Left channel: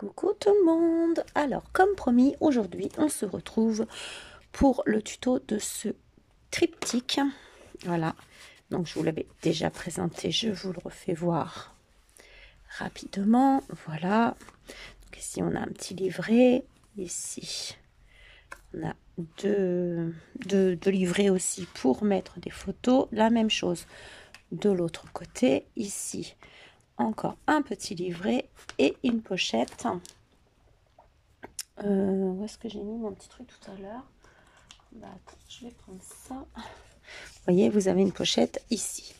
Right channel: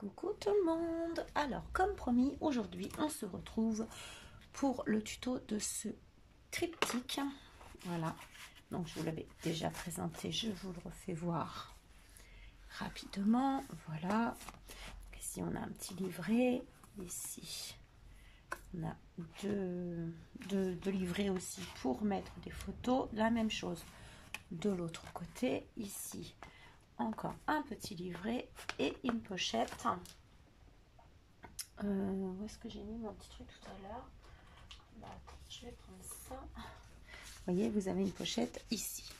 Coucou tout le monde. Alors comme promis, aujourd'hui on se retrouve pour le tuto de ce triptyque. Voilà, donc je vous l'avais déjà présenté, je vous le refais voir rapidement. Voilà, donc ici on a un petit livret, ici on a deux livrets aussi pour mettre des photos, la même chose de l'autre côté. Ici encore un petit livret et une pochette. Où est-ce que j'ai mis mon petit truc tout à l'heure? Bah, je vais prendre ça. Vous voyez, vous avez une pochette ici.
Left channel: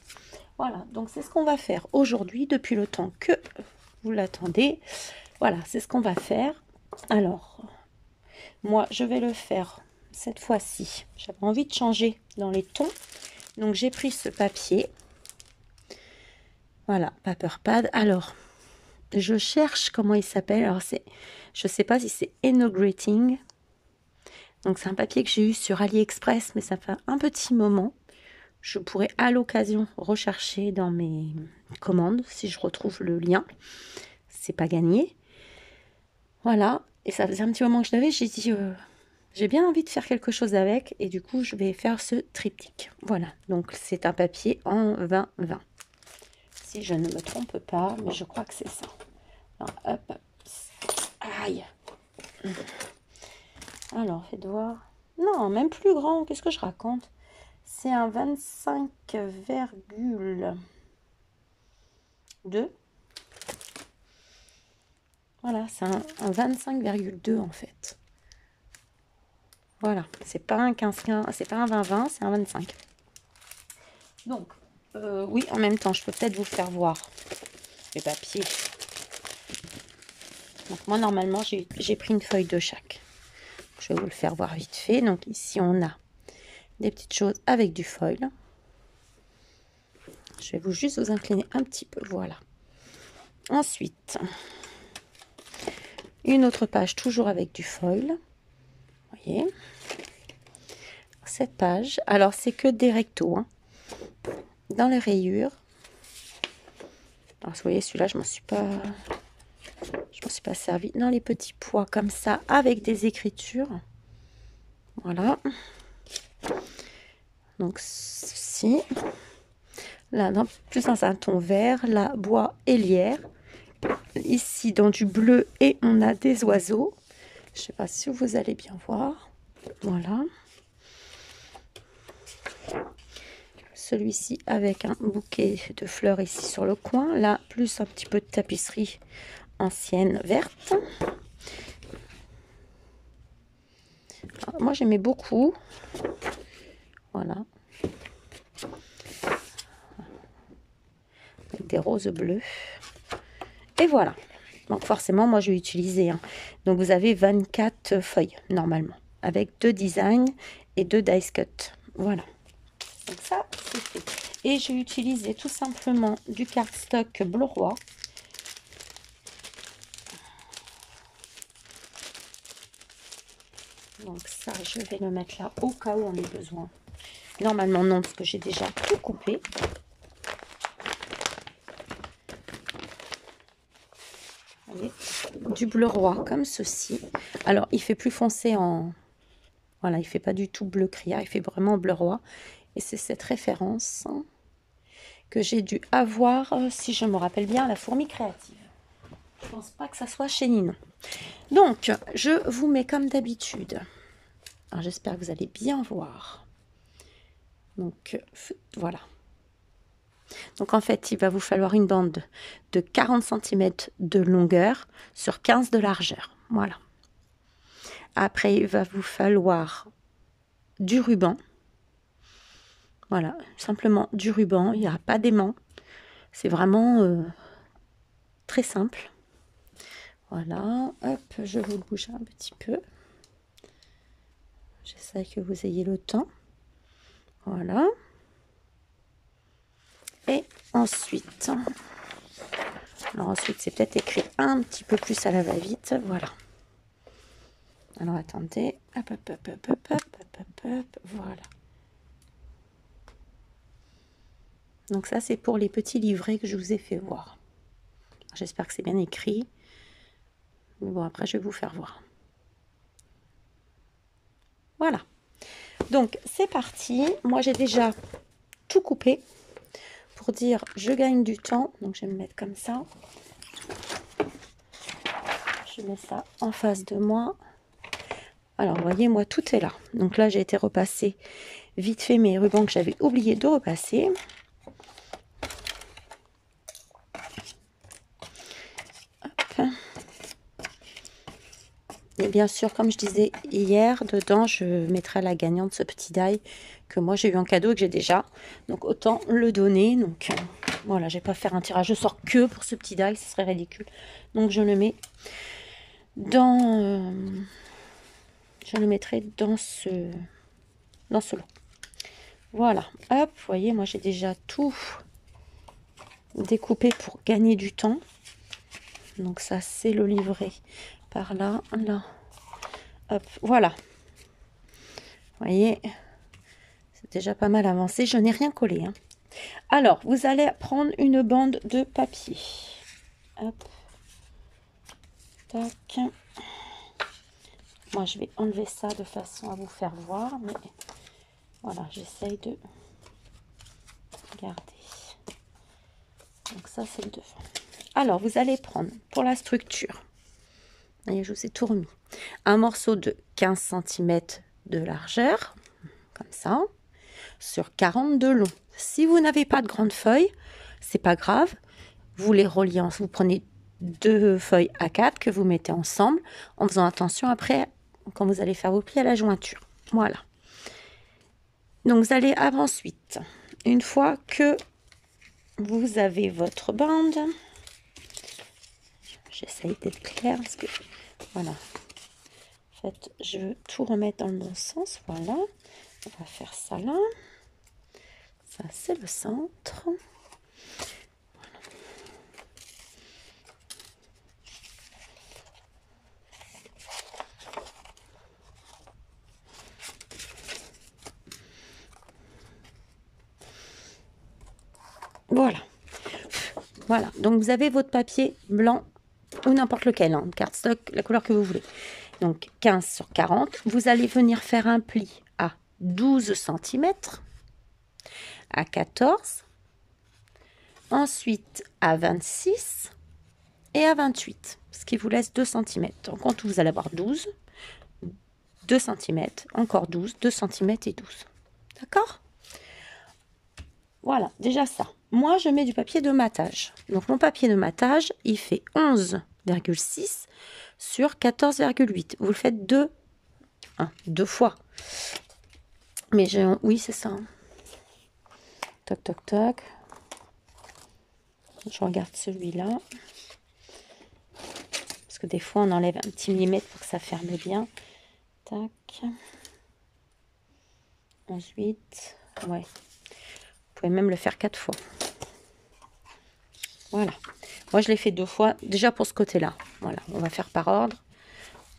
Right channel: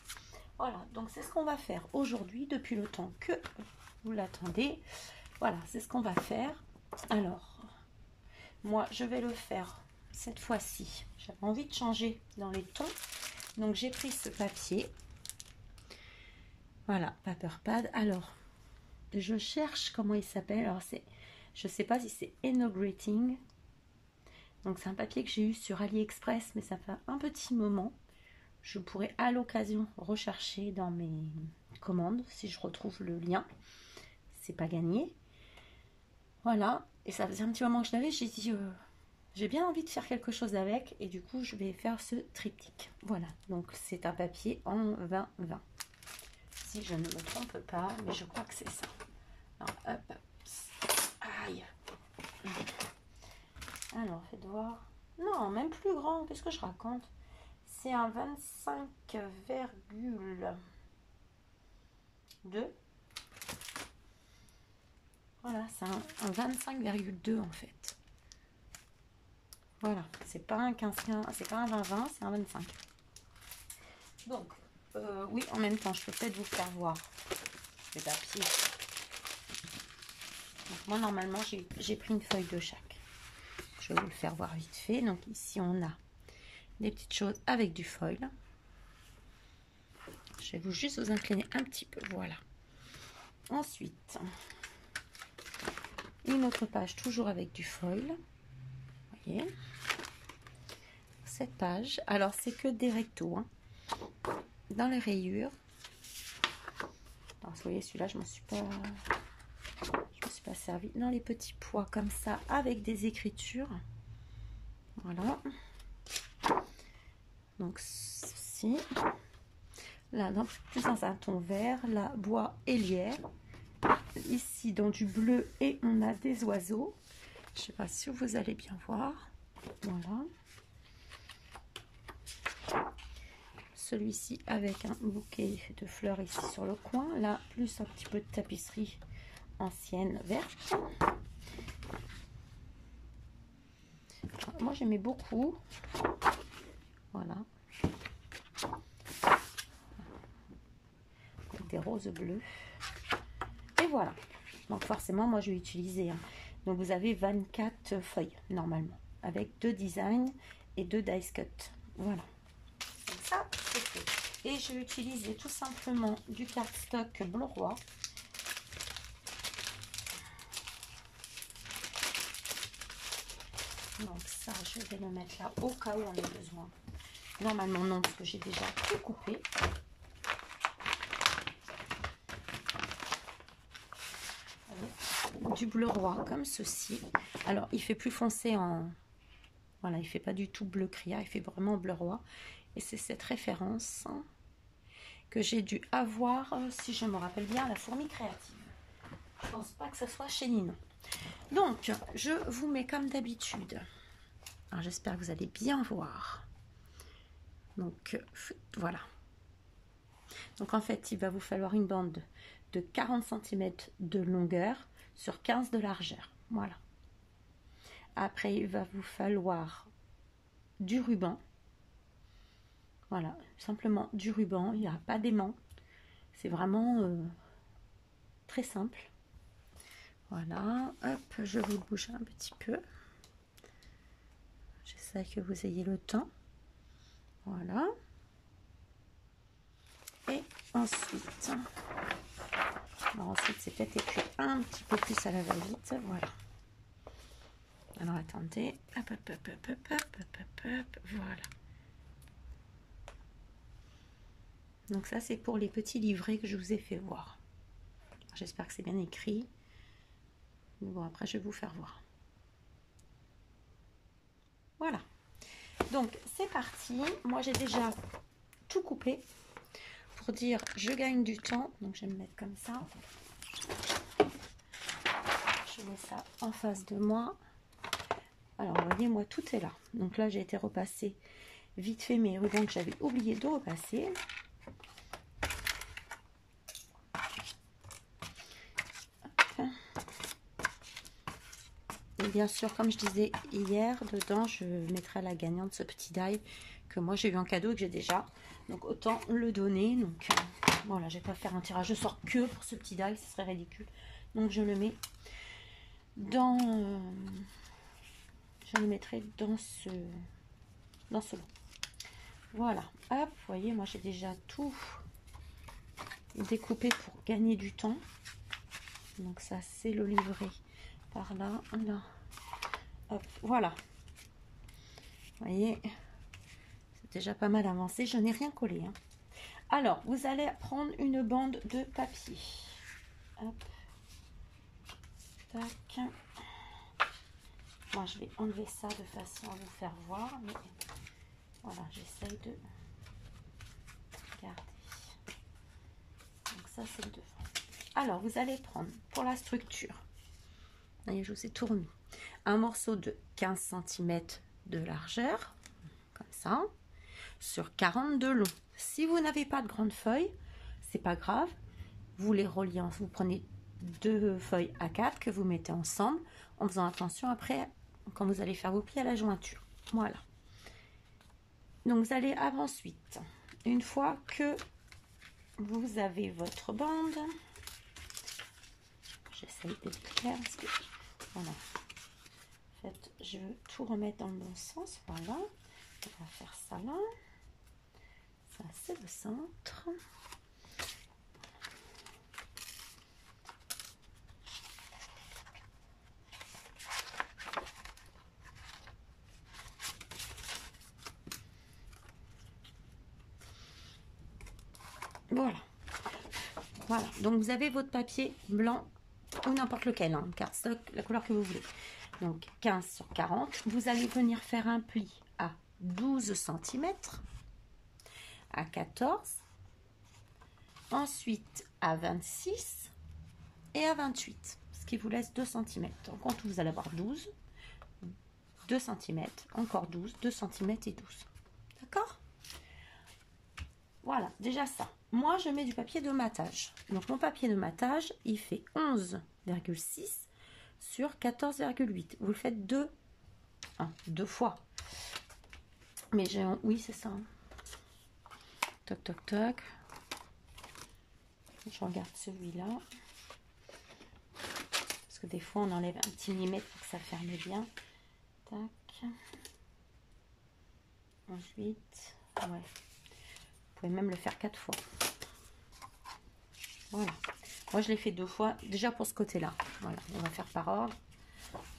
Voilà, donc c'est ce qu'on va faire aujourd'hui, depuis le temps que vous l'attendez. Voilà, c'est ce qu'on va faire. Alors, moi, je vais le faire cette fois-ci. J'avais envie de changer dans les tons. Donc, j'ai pris ce papier. Voilà, Paper Pad. Alors, je cherche comment il s'appelle. Alors, je ne sais pas si c'est Enograting. Donc, c'est un papier que j'ai eu sur AliExpress, mais ça fait un petit moment. Je pourrais à l'occasion rechercher dans mes commandes si je retrouve le lien. C'est pas gagné. Voilà. Et ça faisait un petit moment que je l'avais. J'ai dit, j'ai bien envie de faire quelque chose avec. Et du coup, je vais faire ce triptyque. Voilà. Donc, c'est un papier en 20-20. Si je ne me trompe pas, mais je crois que c'est ça. Alors, hop. Aïe. Alors, faites voir. Non, même plus grand. Qu'est-ce que je raconte? C'est un 25,2. Voilà, c'est un 25,2 en fait. Voilà, c'est pas un 15-15, c'est pas un 20-20, c'est un 25. Donc, oui, en même temps, je peux peut-être vous faire voir les papiers. Donc, moi, normalement, j'ai pris une feuille de chaque. Je vais vous le faire voir vite fait. Donc, ici, on a des petites choses avec du foil. Je vais juste vous incliner un petit peu, voilà. Ensuite, une autre page, toujours avec du foil. Vous voyez, cette page, alors c'est que des rectos, hein. Dans les rayures. Alors, vous voyez, celui-là, je m'en suis pas servi. Dans les petits pois comme ça, avec des écritures. Voilà. Donc, ceci. Là, plus dans un ton vert, là, bois et lierre. Ici, dans du bleu, et on a des oiseaux. Je sais pas si vous allez bien voir. Voilà. Celui-ci avec un bouquet de fleurs ici sur le coin. Là, plus un petit peu de tapisserie ancienne verte. Alors, moi, j'aimais beaucoup. Voilà. Avec des roses bleues. Et voilà. Donc, forcément, moi, je vais utiliser. Hein. Donc, vous avez 24 feuilles, normalement. Avec 2 designs et 2 dice cut. Voilà. Donc, ça, c'est fait. Et je vais utiliser tout simplement du cardstock bleu roi. Donc, ça, je vais le mettre là au cas où on ait besoin. Normalement, non, parce que j'ai déjà tout coupé. Voyez, du bleu roi comme ceci. Alors, il fait plus foncé en... Voilà, il fait pas du tout bleu criard, il fait vraiment bleu roi. Et c'est cette référence que j'ai dû avoir, si je me rappelle bien, à la fourmi créative. Je pense pas que ça soit chez Ninon. Donc, je vous mets comme d'habitude. Alors, j'espère que vous allez bien voir. Donc, voilà. Donc, en fait, il va vous falloir une bande de 40 cm de longueur sur 15 de largeur. Voilà. Après, il va vous falloir du ruban. Voilà, simplement du ruban. Il n'y a pas d'aimant. C'est vraiment très simple. Voilà, hop, je vous le bouge un petit peu. J'essaie que vous ayez le temps. Voilà. Et ensuite, alors ensuite c'est peut-être écrit un petit peu plus à la va-vite. Voilà. Alors attendez, hop, hop, hop, hop, hop, hop, hop, hop, hop, voilà. Donc ça c'est pour les petits livrets que je vous ai fait voir. J'espère que c'est bien écrit. Mais bon, après, je vais vous faire voir. Voilà. Donc, c'est parti. Moi, j'ai déjà tout coupé pour dire je gagne du temps. Donc, je vais me mettre comme ça. Je mets ça en face de moi. Alors, vous voyez, moi, tout est là. Donc là, j'ai été repasser vite fait mes rubans que j'avais oublié de repasser. Hop. Et bien sûr, comme je disais hier, dedans, je mettrai la gagnante, ce petit die que moi, j'ai eu en cadeau et que j'ai déjà. Donc, autant le donner. Donc, voilà, je ne vais pas faire un tirage au sort que pour ce petit die, ce serait ridicule. Donc, je le mets dans... je le mettrai dans ce lot. Voilà, hop, vous voyez, moi j'ai déjà tout découpé pour gagner du temps. Donc ça, c'est le livret par là, là. Hop, voilà. Vous voyez, c'est déjà pas mal avancé. Je n'ai rien collé, hein. Alors, vous allez prendre une bande de papier. Hop. Tac. Moi, je vais enlever ça de façon à vous faire voir, mais voilà, j'essaye de garder. Donc ça, c'est le devant. Alors, vous allez prendre pour la structure, voyez, je vous ai tout remis, un morceau de 15 cm de largeur, comme ça, sur 40 de long. Si vous n'avez pas de grande feuille, c'est pas grave, vous les reliez, vous prenez 2 feuilles A4 que vous mettez ensemble, en faisant attention après, quand vous allez faire vos plis à la jointure. Voilà. Donc, vous allez ensuite, une fois que vous avez votre bande, j'essaye d'être claire parce que voilà, en fait je veux tout remettre dans le bon sens. Voilà, on va faire ça là, ça c'est le centre. Voilà, voilà, donc vous avez votre papier blanc ou n'importe lequel, hein, cardstock, la couleur que vous voulez. Donc 15 sur 40, vous allez venir faire un pli à 12 cm, à 14, ensuite à 26 et à 28, ce qui vous laisse 2 cm. En compte, vous allez avoir 12, 2 cm, encore 12, 2 cm et 12. D'accord? Voilà, déjà ça. Moi, je mets du papier de matage. Donc, mon papier de matage, il fait 11,6 sur 14,8. Vous le faites deux fois. Mais oui, c'est ça. Toc, toc, toc. Je regarde celui-là. Parce que des fois, on enlève un petit millimètre pour que ça ferme bien. Tac. 11,8. Ouais. Vous pouvez même le faire 4 fois. Voilà. Moi, je l'ai fait 2 fois. Déjà pour ce côté-là. Voilà. On va faire par ordre.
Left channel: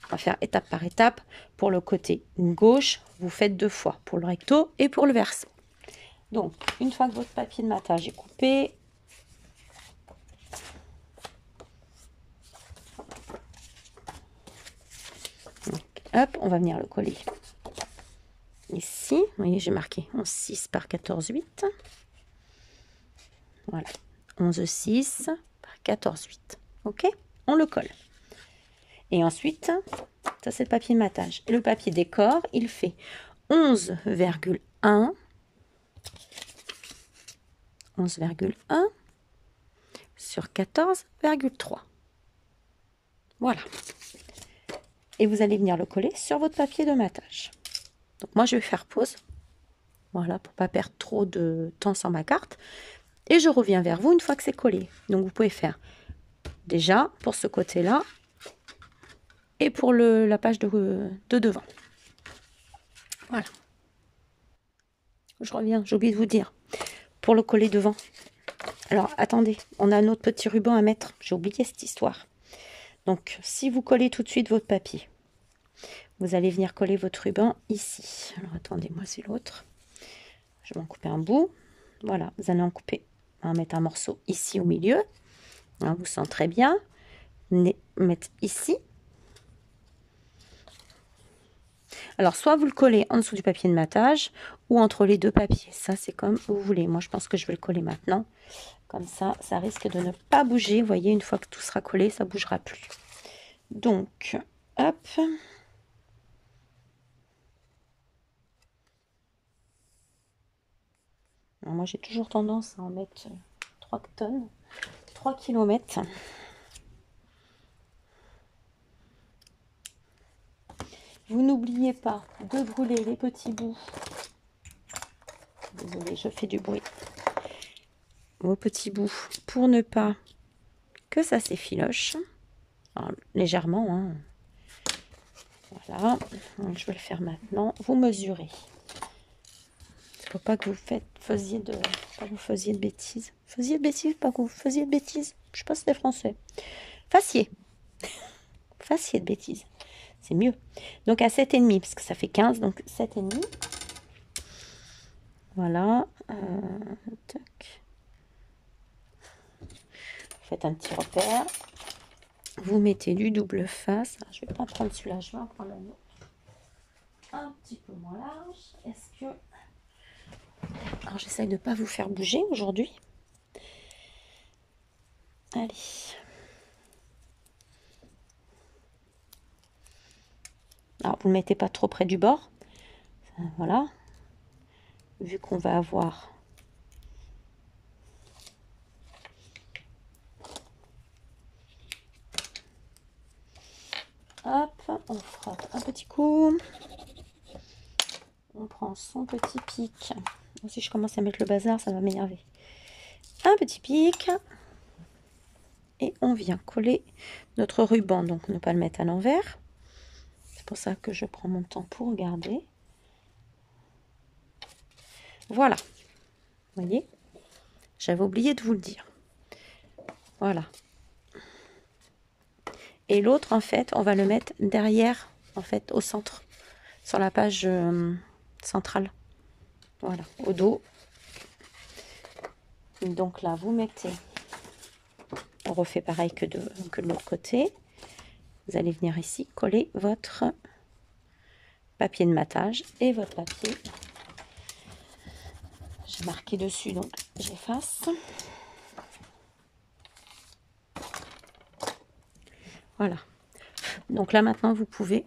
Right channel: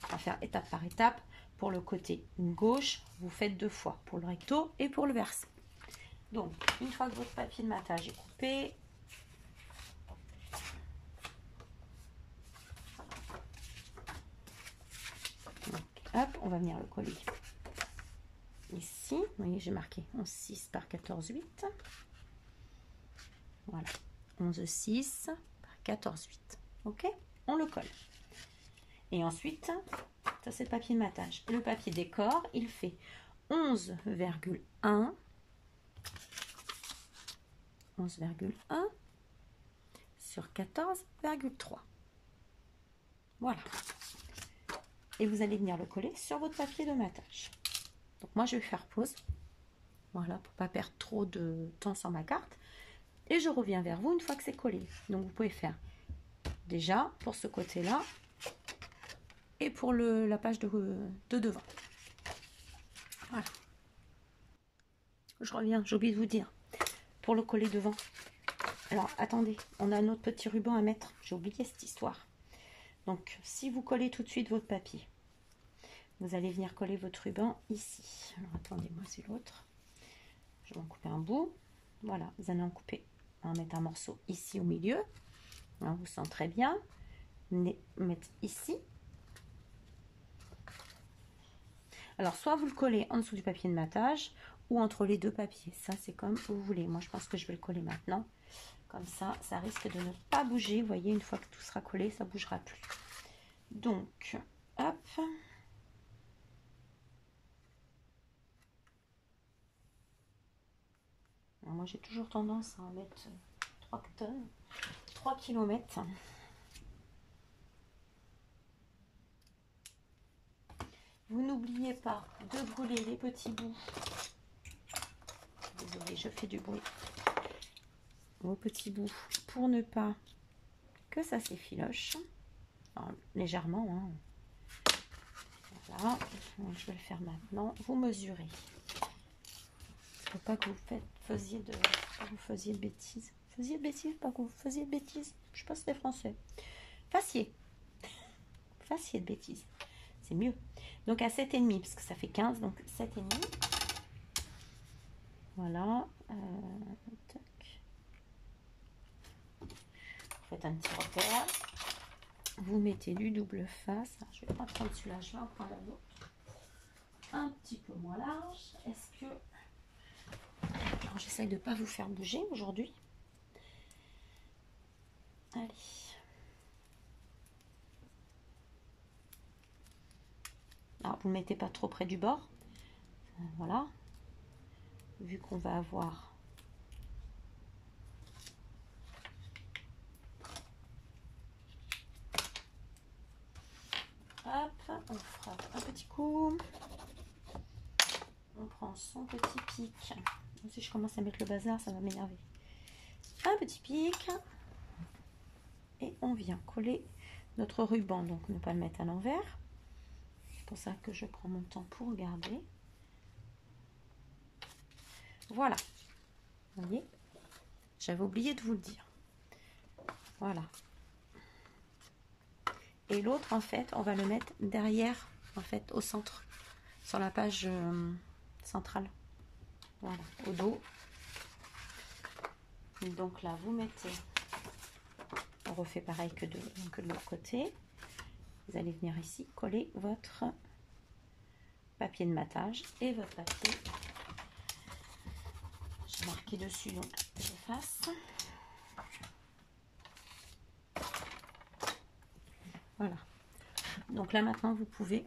On va faire étape par étape. Pour le côté gauche, vous faites 2 fois. Pour le recto et pour le verso. Donc, une fois que votre papier de matage est coupé, donc, hop, on va venir le coller ici. Vous voyez, j'ai marqué 11,6 par 14,8. Voilà. 11,6 par 14,8. Ok, on le colle. Et ensuite, ça c'est le papier de matage. Et le papier décor, il fait 11,1 sur 14,3. Voilà. Et vous allez venir le coller sur votre papier de matage. Donc moi, je vais faire pause. Voilà, pour ne pas perdre trop de temps sur ma carte. Et je reviens vers vous une fois que c'est collé. Donc, vous pouvez faire déjà pour ce côté-là et pour la page de devant. Voilà. Je reviens, j'ai oublié de vous dire. Pour le coller devant. Alors, attendez, on a notre petit ruban à mettre. J'ai oublié cette histoire. Donc, si vous collez tout de suite votre papier, vous allez venir coller votre ruban ici. Alors, attendez, moi, c'est l'autre. Je vais en couper un bout. Voilà, vous allez en couper. On va mettre un morceau ici au milieu. Hein, vous sentez très bien. Mettre ici. Alors, soit vous le collez en dessous du papier de matage ou entre les deux papiers. Ça, c'est comme vous voulez. Moi, je pense que je vais le coller maintenant. Comme ça risque de ne pas bouger. Vous voyez, une fois que tout sera collé, ça ne bougera plus. Donc, hop. Alors, moi, j'ai toujours tendance à en mettre 3 tonnes, 3 kilomètres. Vous n'oubliez pas de brûler les petits bouts. Désolée, je fais du bruit. Vos petits bouts pour ne pas que ça s'effiloche. Alors, légèrement. Hein. Voilà. Donc, je vais le faire maintenant. Vous mesurez. Il ne faut pas que vous faisiez de bêtises. Faisiez de bêtises, pas que vous faisiez de bêtises. Je sais pas si c'est français. Fassiez. Fassiez de bêtises. C'est mieux. Donc à 7,5 parce que ça fait 15, donc 7,5. Voilà. Tac. Faites un petit repère. Vous mettez du double face. Alors, je vais pas prendre celui-là, je vais en prendre un autre. Un petit peu moins large. Est-ce que... Alors j'essaye de ne pas vous faire bouger aujourd'hui. Allez. Alors vous ne le mettez pas trop près du bord. Voilà. Vu qu'on va avoir... Hop, on frotte un petit coup. On prend son petit pic. Si je commence à mettre le bazar, ça va m'énerver. Un petit pic. Et on vient coller notre ruban. Donc, ne pas le mettre à l'envers. C'est pour ça que je prends mon temps pour regarder. Voilà. Vous voyez? J'avais oublié de vous le dire. Voilà. Et l'autre, en fait, on va le mettre derrière, en fait, au centre, sur la page centrale. Voilà, au dos. Et donc là, vous mettez, on refait pareil que de l'autre côté. Vous allez venir ici, coller votre papier de matage et votre papier. J'ai marqué dessus, donc j'efface. Voilà. Donc là, maintenant, vous pouvez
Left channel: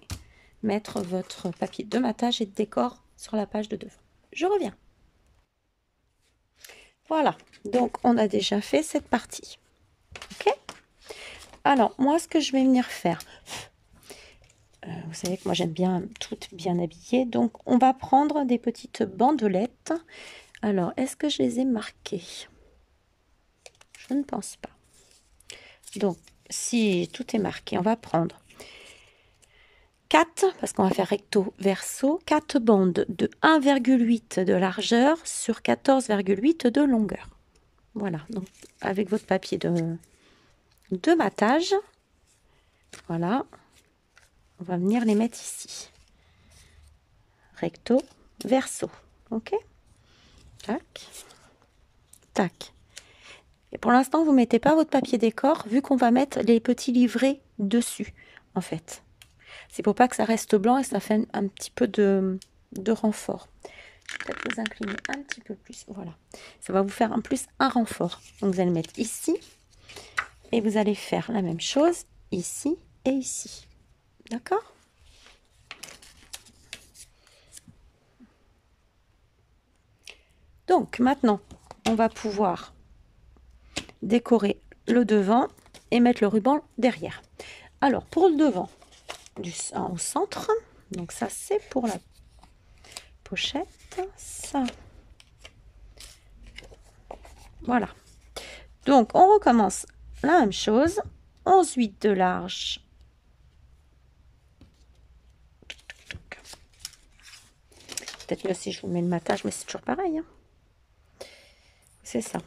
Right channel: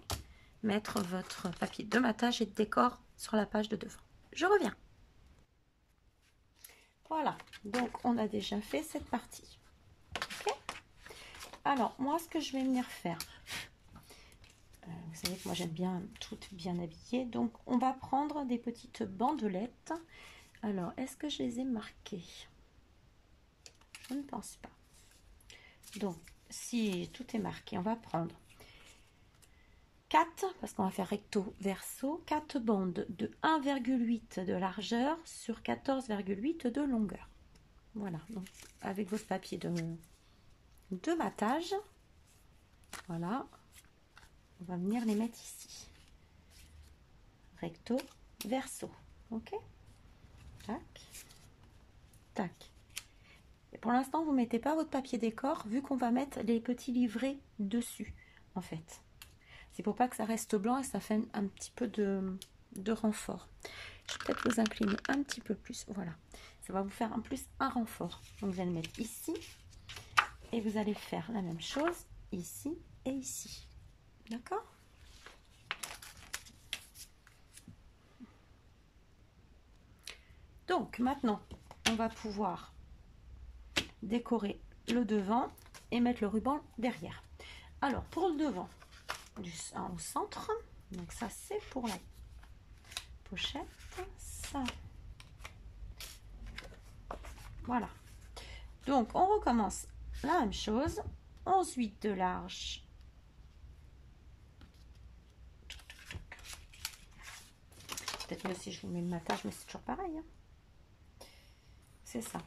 mettre votre papier de matage et de décor sur la page de devant. Je reviens. Voilà. Donc, on a déjà fait cette partie. OK? Alors, moi, ce que je vais venir faire... vous savez que moi, j'aime bien toutes bien habillées. Donc, on va prendre des petites bandelettes. Alors, est-ce que je les ai marquées? Je ne pense pas. Donc, si tout est marqué, on va prendre 4, parce qu'on va faire recto verso, 4 bandes de 1,8 de largeur sur 14,8 de longueur. Voilà, donc avec votre papier de matage, voilà, on va venir les mettre ici. Recto verso, ok? Tac, tac. Et pour l'instant, vous ne mettez pas votre papier décor, vu qu'on va mettre les petits livrets dessus, en fait. C'est pour pas que ça reste blanc et ça fait un petit peu de renfort. Je vais peut-être vous incliner un petit peu plus. Voilà. Ça va vous faire en plus un renfort. Donc vous allez mettre ici. Et vous allez faire la même chose ici et ici. D'accord? Donc maintenant, on va pouvoir décorer le devant et mettre le ruban derrière. Alors pour le devant, au centre, donc ça c'est pour la pochette, ça, voilà. Donc on recommence la même chose, 11,8 de large, peut-être mieux si je vous mets le matage, mais c'est toujours pareil, hein. C'est ça,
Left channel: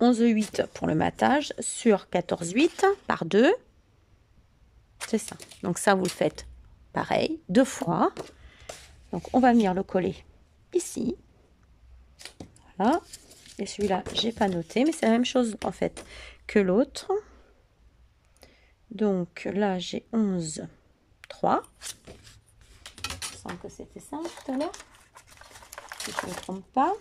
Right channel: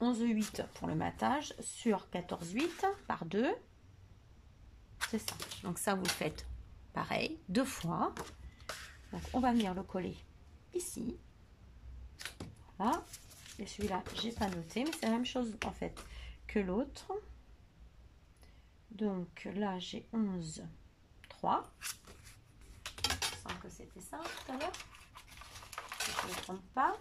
11,8 pour le matage sur 14,8 par 2. C'est ça. Donc ça, vous le faites pareil, 2 fois. Donc on va venir le coller ici. Voilà. Et celui-là, j'ai pas noté, mais c'est la même chose en fait que l'autre. Donc là, j'ai 11,3. semble que c'était ça tout à l'heure. Si je ne me trompe pas.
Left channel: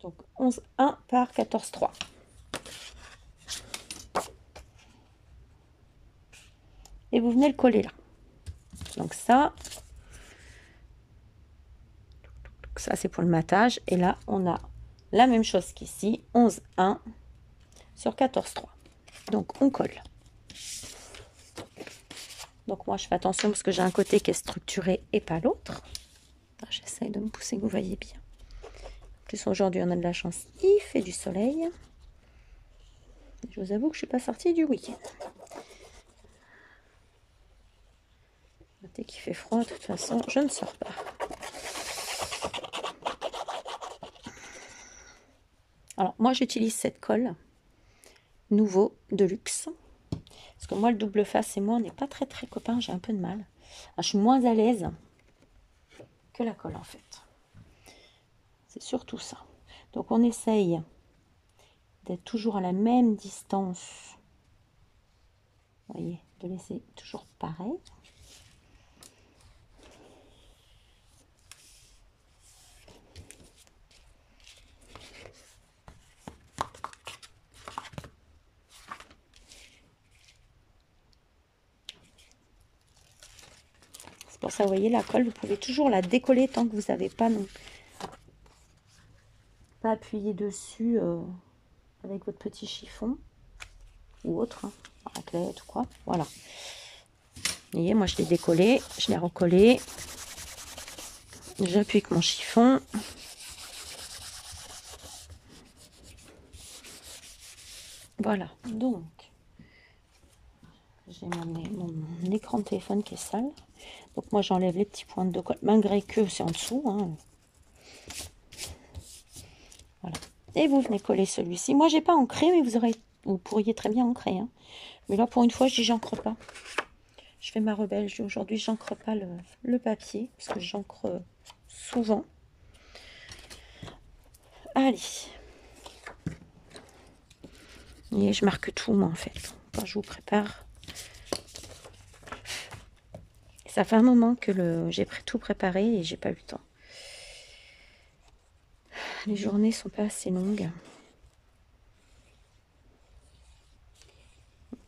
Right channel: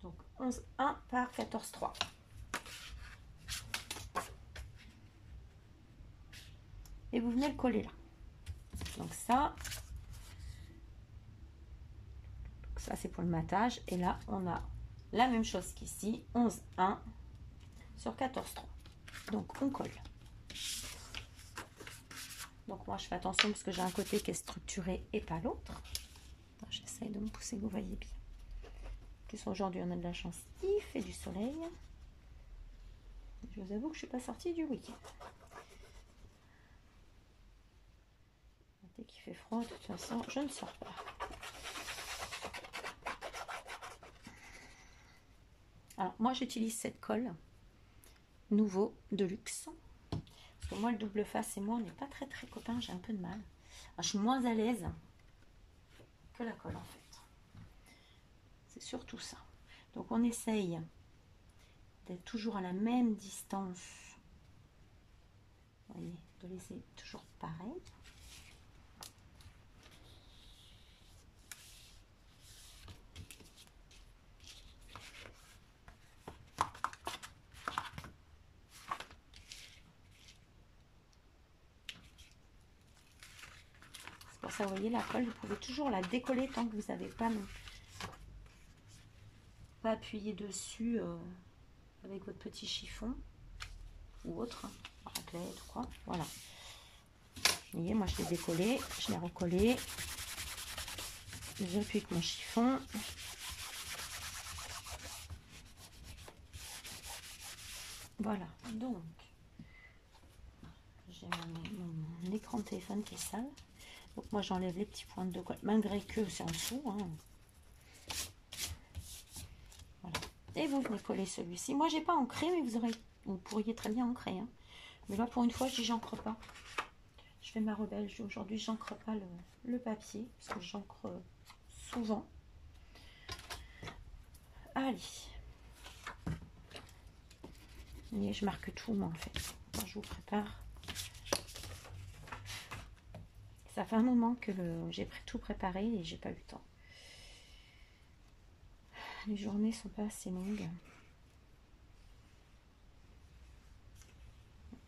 Donc 11,1 par 14,3. Et vous venez le coller là. Donc ça c'est pour le matage. Et là, on a la même chose qu'ici, 11,1 sur 14,3. Donc on colle. Donc moi je fais attention parce que j'ai un côté qui est structuré et pas l'autre. J'essaye de me pousser que vous voyez bien. En plus aujourd'hui on a de la chance, il fait du soleil. Je vous avoue que je suis pas sortie du week-end. Dès qu'il fait froid, de toute façon, je ne sors pas. Alors moi j'utilise cette colle Nouveau de luxe. Parce que moi le double face et moi on n'est pas très copains, j'ai un peu de mal. Alors, je suis moins à l'aise que la colle en fait. C'est surtout ça. Donc on essaye d'être toujours à la même distance. Vous voyez, de laisser toujours pareil. C'est pour ça, vous voyez, la colle, vous pouvez toujours la décoller tant que vous n'avez pas appuyé dessus avec votre petit chiffon ou autre, hein, raclette ou quoi. Voilà. Vous voyez, moi je l'ai décollé, je l'ai recollé. J'appuie avec mon chiffon. Voilà, donc j'ai mon écran de téléphone qui est sale. Donc moi j'enlève les petits points de colle, malgré que c'est en dessous. Hein. Voilà. Et vous venez coller celui-ci. Moi j'ai pas ancré, mais vous pourriez très bien ancrer. Hein. Mais là pour une fois je dis j'encre pas. Je fais ma rebelle. Je dis aujourd'hui j'encre pas le papier parce que j'encre souvent. Allez. Et je marque tout moi en fait. Quand je vous prépare. Ça fait un moment que j'ai tout préparé et j'ai pas eu le temps. Les journées sont pas assez longues.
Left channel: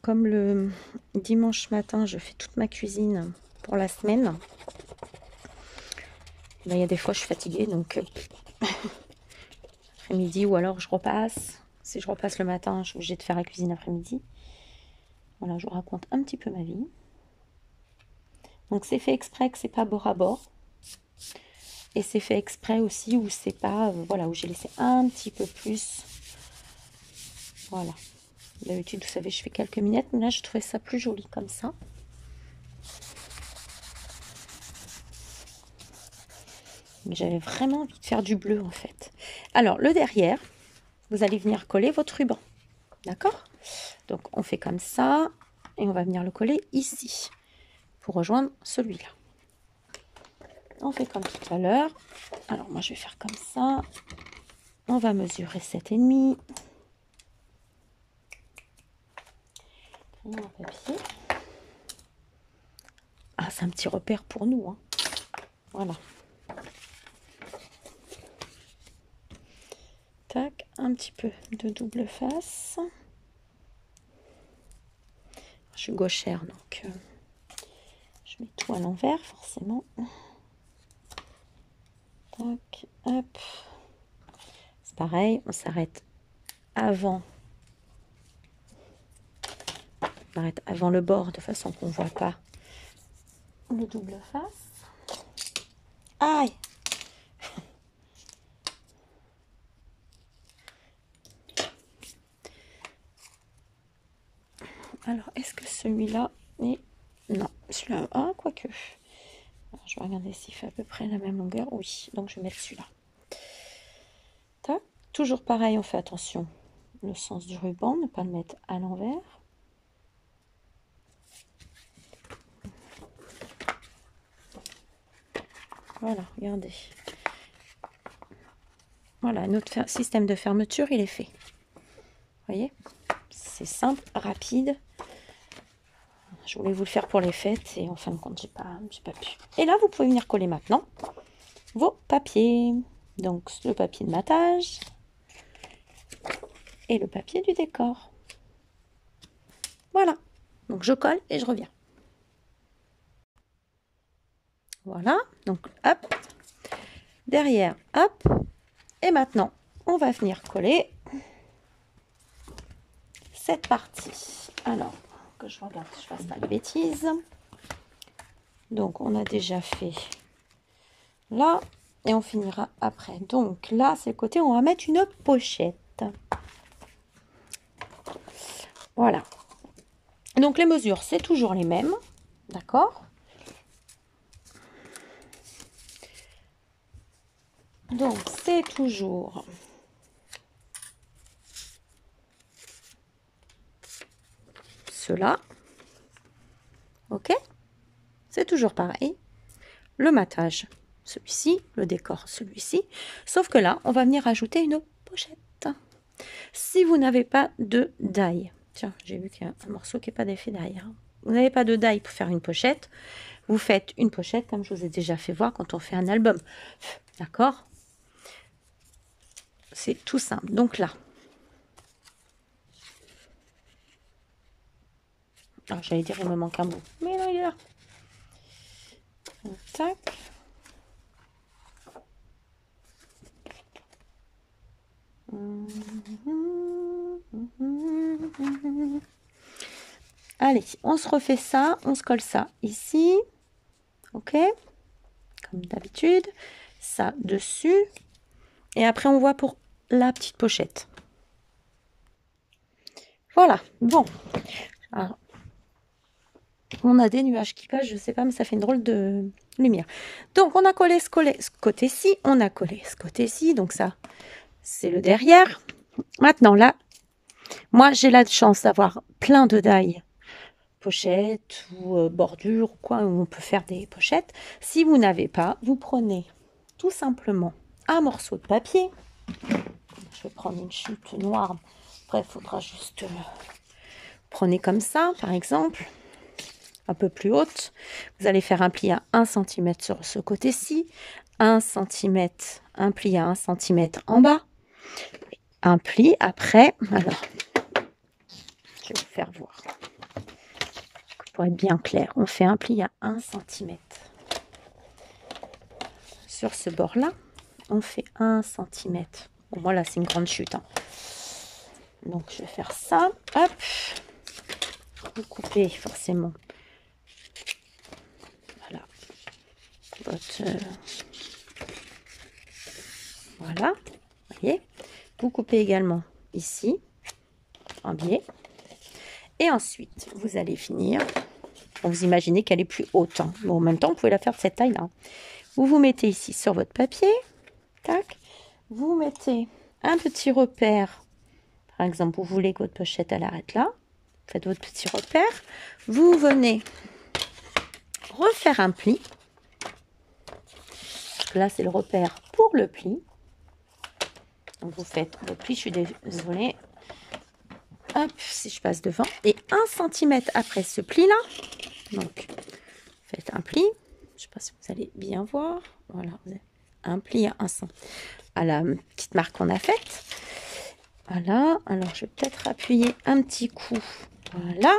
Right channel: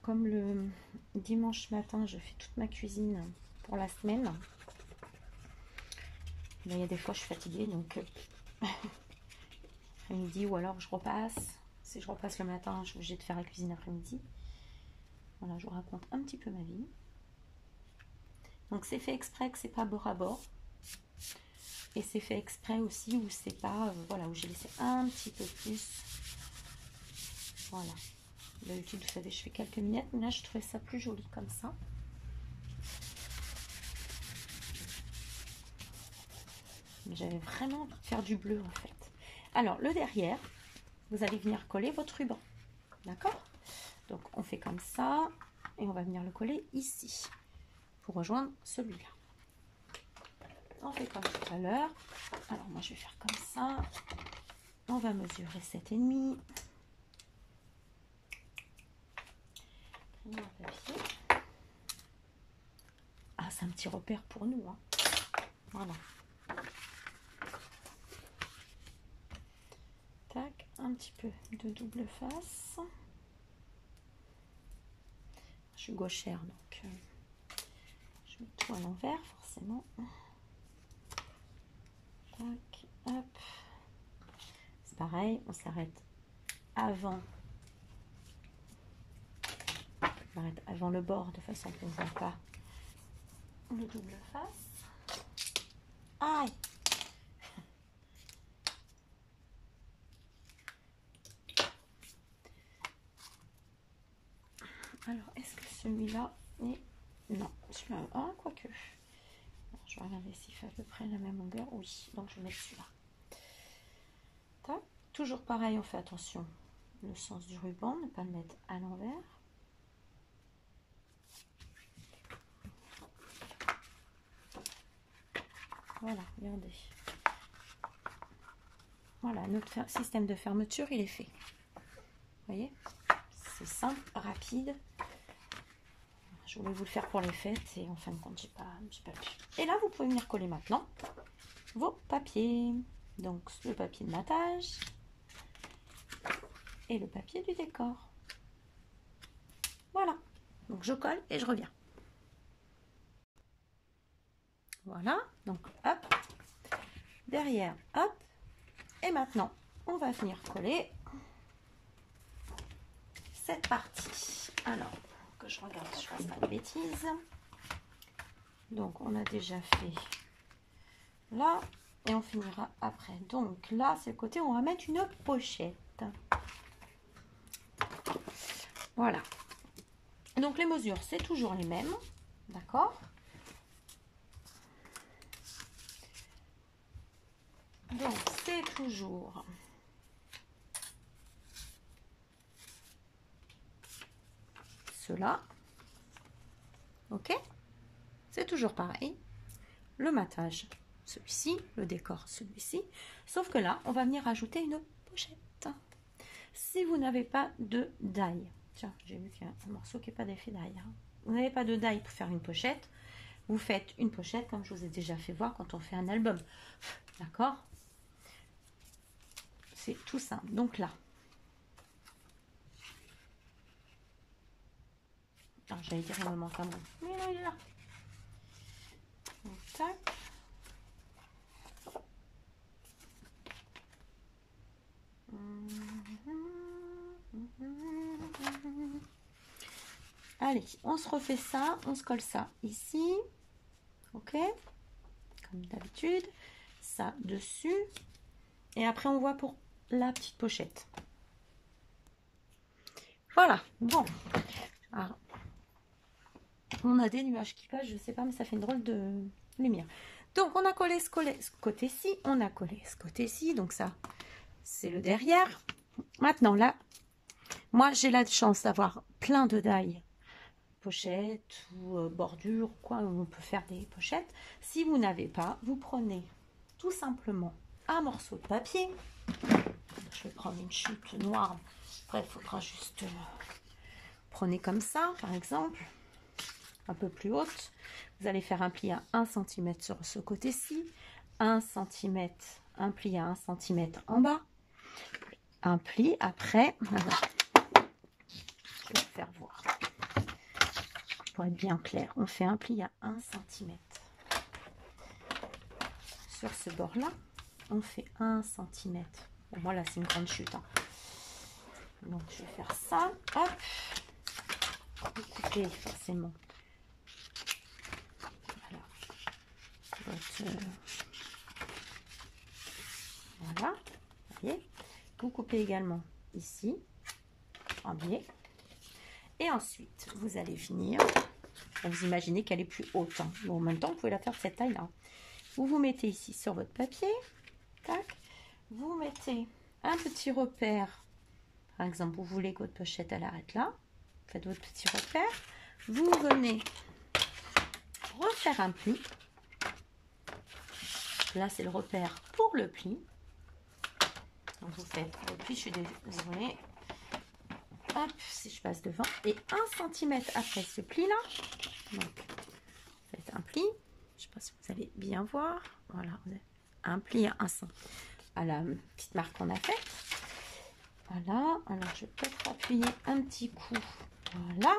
Comme le dimanche matin, je fais toute ma cuisine pour la semaine. Ben, il y a des fois je suis fatiguée, donc après-midi ou alors je repasse. Si je repasse le matin, je suis obligée de faire la cuisine après-midi. Voilà, je vous raconte un petit peu ma vie. Donc c'est fait exprès que c'est pas bord à bord. Et c'est fait exprès aussi où c'est pas, voilà, où j'ai laissé un petit peu plus. Voilà. D'habitude, vous savez, je fais quelques minettes, mais là, je trouvais ça plus joli comme ça. Mais j'avais vraiment envie de faire du bleu, en fait. Alors, le derrière, vous allez venir coller votre ruban. D'accord? Donc, on fait comme ça. Et on va venir le coller ici. Pour rejoindre celui-là. On fait comme tout à l'heure. Alors, moi, je vais faire comme ça. On va mesurer 7,5. Papier. Ah, c'est un petit repère pour nous. Hein. Voilà. Tac, un petit peu de double face. Je suis gauchère, donc je mets tout à l'envers, forcément. Tac, hop. C'est pareil, on s'arrête avant. On arrête avant le bord de façon qu'on ne voit pas le double face. Aïe! Alors, est-ce que celui-là est... Non, celui-là... Ah, quoique. Alors, je vais regarder s'il fait à peu près la même longueur. Oui, donc je vais mettre celui-là. Tac. Toujours pareil, on fait attention. Le sens du ruban, ne pas le mettre à l'envers. Voilà, regardez. Voilà, notre système de fermeture, il est fait. voyez, c'est simple, rapide. Je voulais vous le faire pour les fêtes et en fin de compte, j'ai pas pu. Et là, vous pouvez venir coller maintenant vos papiers. Donc, le papier de matage et le papier du décor. Voilà. Donc, je colle et je reviens. Voilà. Donc, hop. Derrière, hop. Et maintenant, on va venir coller cette partie. Alors, que je regarde que je fasse pas de bêtises. Donc, on a déjà fait là et on finira après. Donc, là, c'est le côté où on va mettre une pochette. Voilà. Donc, les mesures, c'est toujours les mêmes. D'accord? Donc, c'est toujours cela. Ok? C'est toujours pareil. Le matage, celui-ci. Le décor, celui-ci. Sauf que là, on va venir ajouter une pochette. Si vous n'avez pas de die, tiens, j'ai vu qu'il y a un morceau qui n'est pas d'effet die. Hein. Vous n'avez pas de die pour faire une pochette. Vous faites une pochette comme je vous ai déjà fait voir quand on fait un album. D'accord? C'est tout simple. Donc là, j'allais dire il me manque un bout, mais non, il est là. Donc, tac. Allez, on se refait ça, on se colle ça ici, ok, comme d'habitude, ça dessus, et après on voit pour la petite pochette. Voilà, bon, alors, on a des nuages qui passent, je sais pas, mais ça fait une drôle de lumière. Donc on a collé ce côté-ci, on a collé ce côté-ci, donc ça, c'est le derrière. Maintenant là, moi j'ai la chance d'avoir plein de die pochette ou bordure ou quoi, où on peut faire des pochettes. Si vous n'avez pas, vous prenez tout simplement un morceau de papier. Je vais prendre une chute noire. Après, il faudra juste prenez comme ça, par exemple, un peu plus haute. Vous allez faire un pli à 1 cm sur ce côté-ci, 1 cm, un pli à 1 cm en bas, un pli après. Alors, je vais vous faire voir. Pour être bien clair, on fait un pli à 1 cm. Sur ce bord-là, on fait 1 cm. Bon, moi, là, c'est une grande chute. Hein. Donc, je vais faire ça. Hop. Vous coupez forcément. Voilà. Voilà. Vous voyez. Vous coupez également ici, en biais. Et ensuite, vous allez finir. Vous imaginez qu'elle est plus haute. Hein. Bon, en même temps, vous pouvez la faire de cette taille-là. Vous vous mettez ici sur votre papier. Tac. Vous mettez un petit repère. Par exemple, vous voulez que votre pochette, elle arrête là. Faites votre petit repère. Vous venez refaire un pli. Là, c'est le repère pour le pli. Donc, vous faites le pli. Je suis désolée. Hop, si je passe devant. Et 1 cm après ce pli-là. Donc, faites un pli. Je ne sais pas si vous allez bien voir. Voilà, vous avez un pli à 1 cm. À la petite marque qu'on a faite. Voilà. Alors, je vais peut-être appuyer un petit coup. Voilà.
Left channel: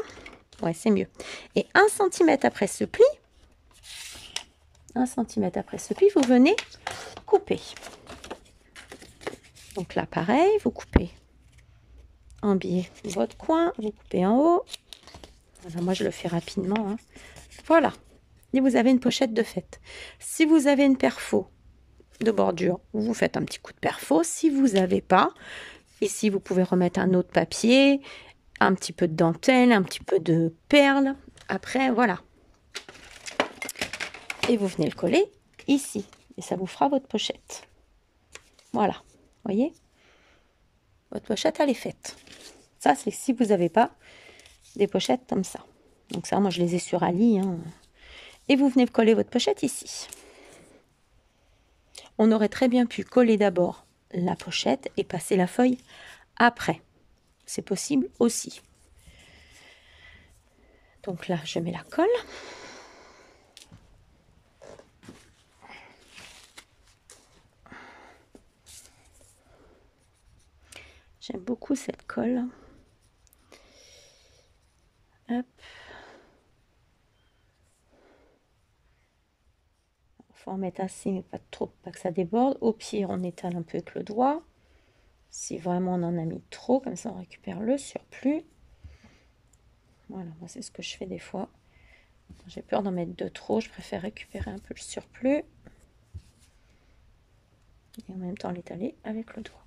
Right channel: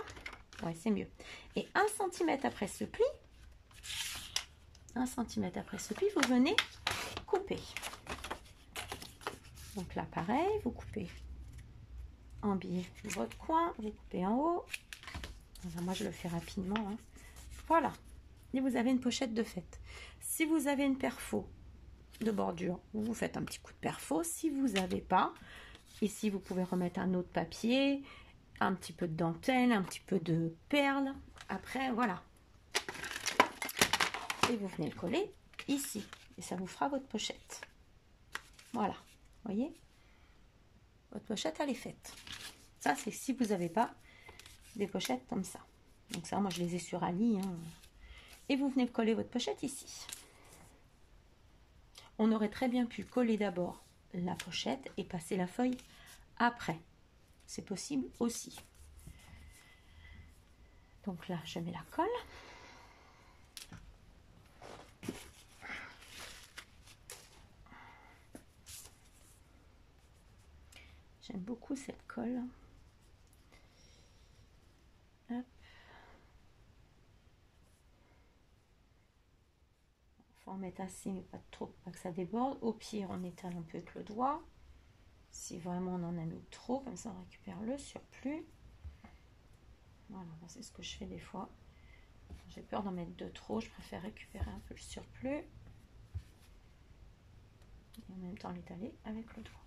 Ouais, c'est mieux. Et 1 cm après ce pli. 1 cm après ce pli, vous venez couper. Donc là, pareil, vous coupez en biais votre coin, vous coupez en haut. Voilà, moi, je le fais rapidement. Hein. Voilà. Et vous avez une pochette de fête. Si vous avez une perfo de bordure, vous faites un petit coup de perfo. Si vous n'avez pas, ici, vous pouvez remettre un autre papier, un petit peu de dentelle, un petit peu de perles. Après, voilà. Et vous venez le coller ici. Et ça vous fera votre pochette. Voilà. Vous voyez? Votre pochette, elle est faite. Ça, c'est si vous n'avez pas des pochettes comme ça. Donc ça, moi, je les ai sur Ali. Hein. Et vous venez coller votre pochette ici. On aurait très bien pu coller d'abord la pochette et passer la feuille après. c'est possible aussi. Donc là, je mets la colle. J'aime beaucoup cette colle. Hop. Faut en mettre assez, mais pas trop, pas que ça déborde. Au pire, on étale un peu avec le doigt. Si vraiment on en a mis trop, comme ça on récupère le surplus. Voilà, moi c'est ce que je fais des fois. J'ai peur d'en mettre de trop, je préfère récupérer un peu le surplus. Et en même temps l'étaler avec le doigt.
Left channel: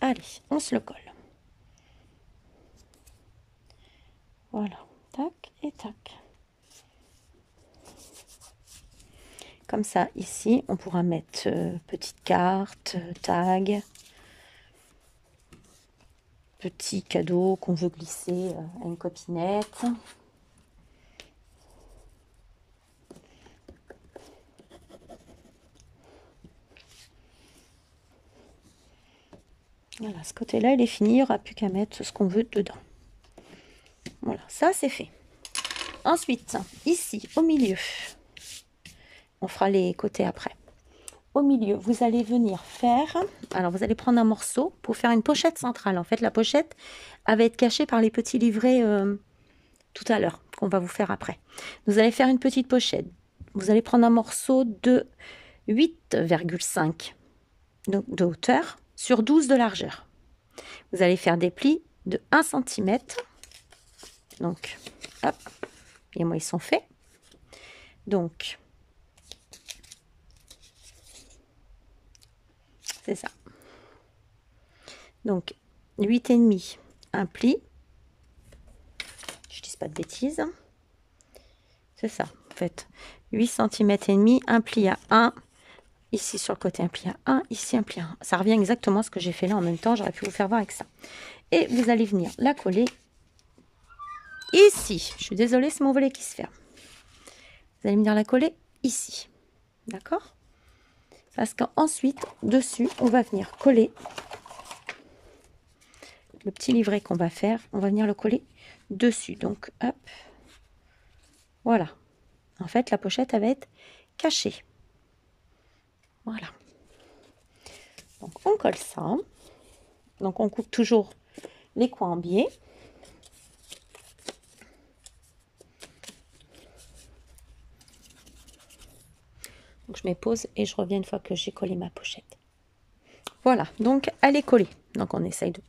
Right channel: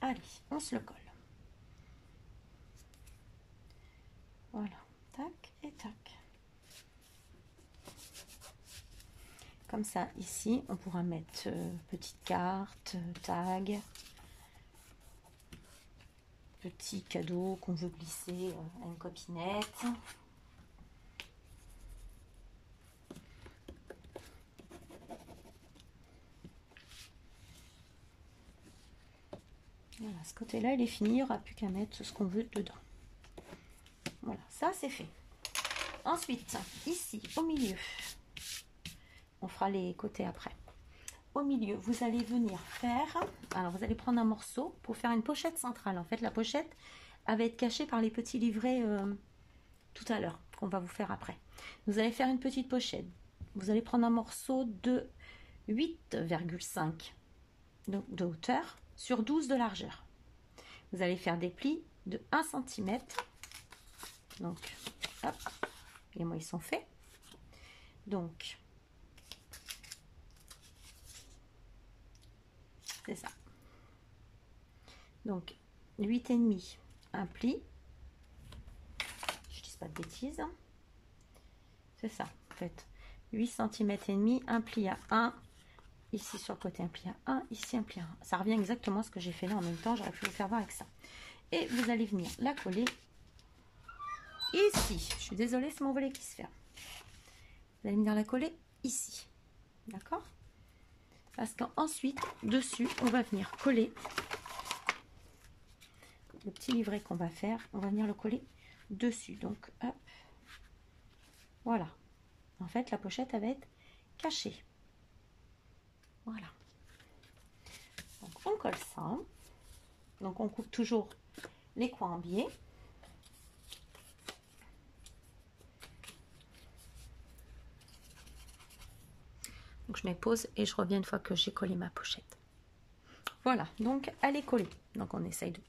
Allez, on se le colle. Voilà, tac et tac. Comme ça, ici, on pourra mettre petite carte, tag, petit cadeau qu'on veut glisser à une copinette. Voilà, ce côté-là, il est fini, il n'y aura plus qu'à mettre ce qu'on veut dedans. Voilà, ça c'est fait. Ensuite, ici, au milieu, on fera les côtés après. Au milieu, vous allez venir faire, alors vous allez prendre un morceau pour faire une pochette centrale. En fait, la pochette, elle va être cachée par les petits livrets tout à l'heure, qu'on va vous faire après. Vous allez faire une petite pochette. Vous allez prendre un morceau de 8,5 de hauteur sur 12 de largeur. Vous allez faire des plis de 1 cm. Donc, hop, et moi ils sont faits. Donc, c'est ça. Donc, 8,5, un pli. Je dis pas de bêtises. C'est ça, en fait. 8 cm et demi, un pli à 1. Ici sur le côté, un pli à 1. Ici, un pli à 1. Ça revient exactement à ce que j'ai fait là en même temps. J'aurais pu vous faire voir avec ça. Et vous allez venir la coller ici. Je suis désolée, c'est mon volet qui se ferme. Vous allez venir la coller ici. D'accord? Parce qu'ensuite, dessus, on va venir coller le petit livret qu'on va faire. On va venir le coller dessus. Donc, hop. Voilà. En fait, la pochette, elle va être cachée. Voilà. Donc, on colle ça. Donc, on coupe toujours les coins en biais. Donc, je mets pause et je reviens une fois que j'ai collé ma pochette. Voilà. Donc, elle est collée. Donc, on essaye de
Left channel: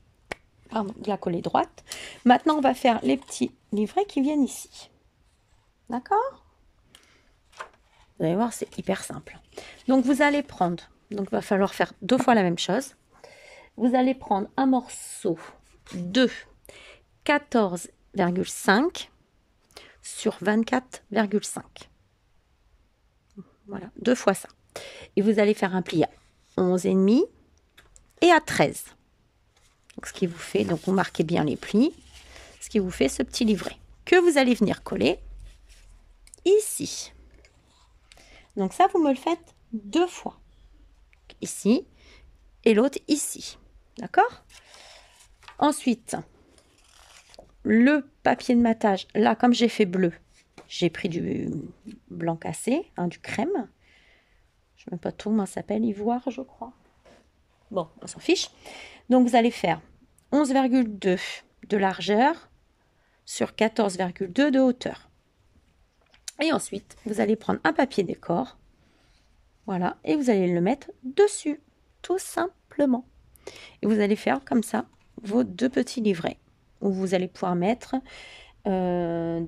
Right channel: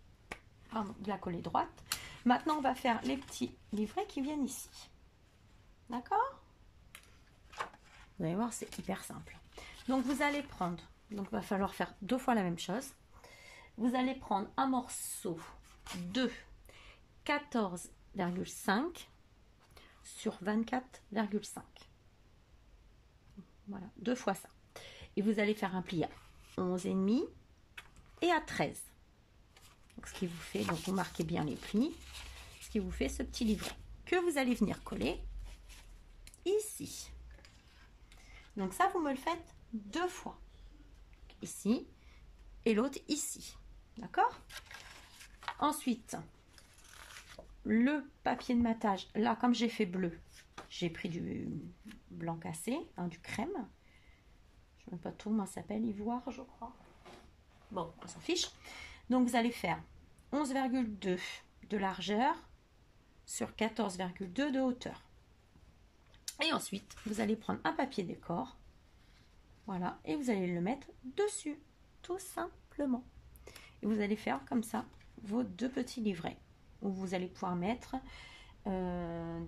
la coller droite. Maintenant, on va faire les petits livrets qui viennent ici. D'accord? Vous allez voir, c'est hyper simple. Donc, vous allez prendre, donc il va falloir faire 2 fois la même chose. Vous allez prendre un morceau de 14,5 sur 24,5. Voilà, 2 fois ça. Et vous allez faire un pli à 11,5 et à 13. Donc, ce qui vous fait, donc vous marquez bien les plis, ce qui vous fait ce petit livret que vous allez venir coller ici. Donc ça, vous me le faites 2 fois. Ici et l'autre ici. D'accord? Ensuite, le papier de matage, là, comme j'ai fait bleu, j'ai pris du blanc cassé, hein, du crème. Je ne sais même pas tout comment ça s'appelle, ivoire, je crois. Bon, on s'en fiche. Donc, vous allez faire 11,2 de largeur sur 14,2 de hauteur. Et ensuite, vous allez prendre un papier décor. Voilà, et vous allez le mettre dessus, tout simplement. Et vous allez faire comme ça vos 2 petits livrets, où vous allez pouvoir mettre 2,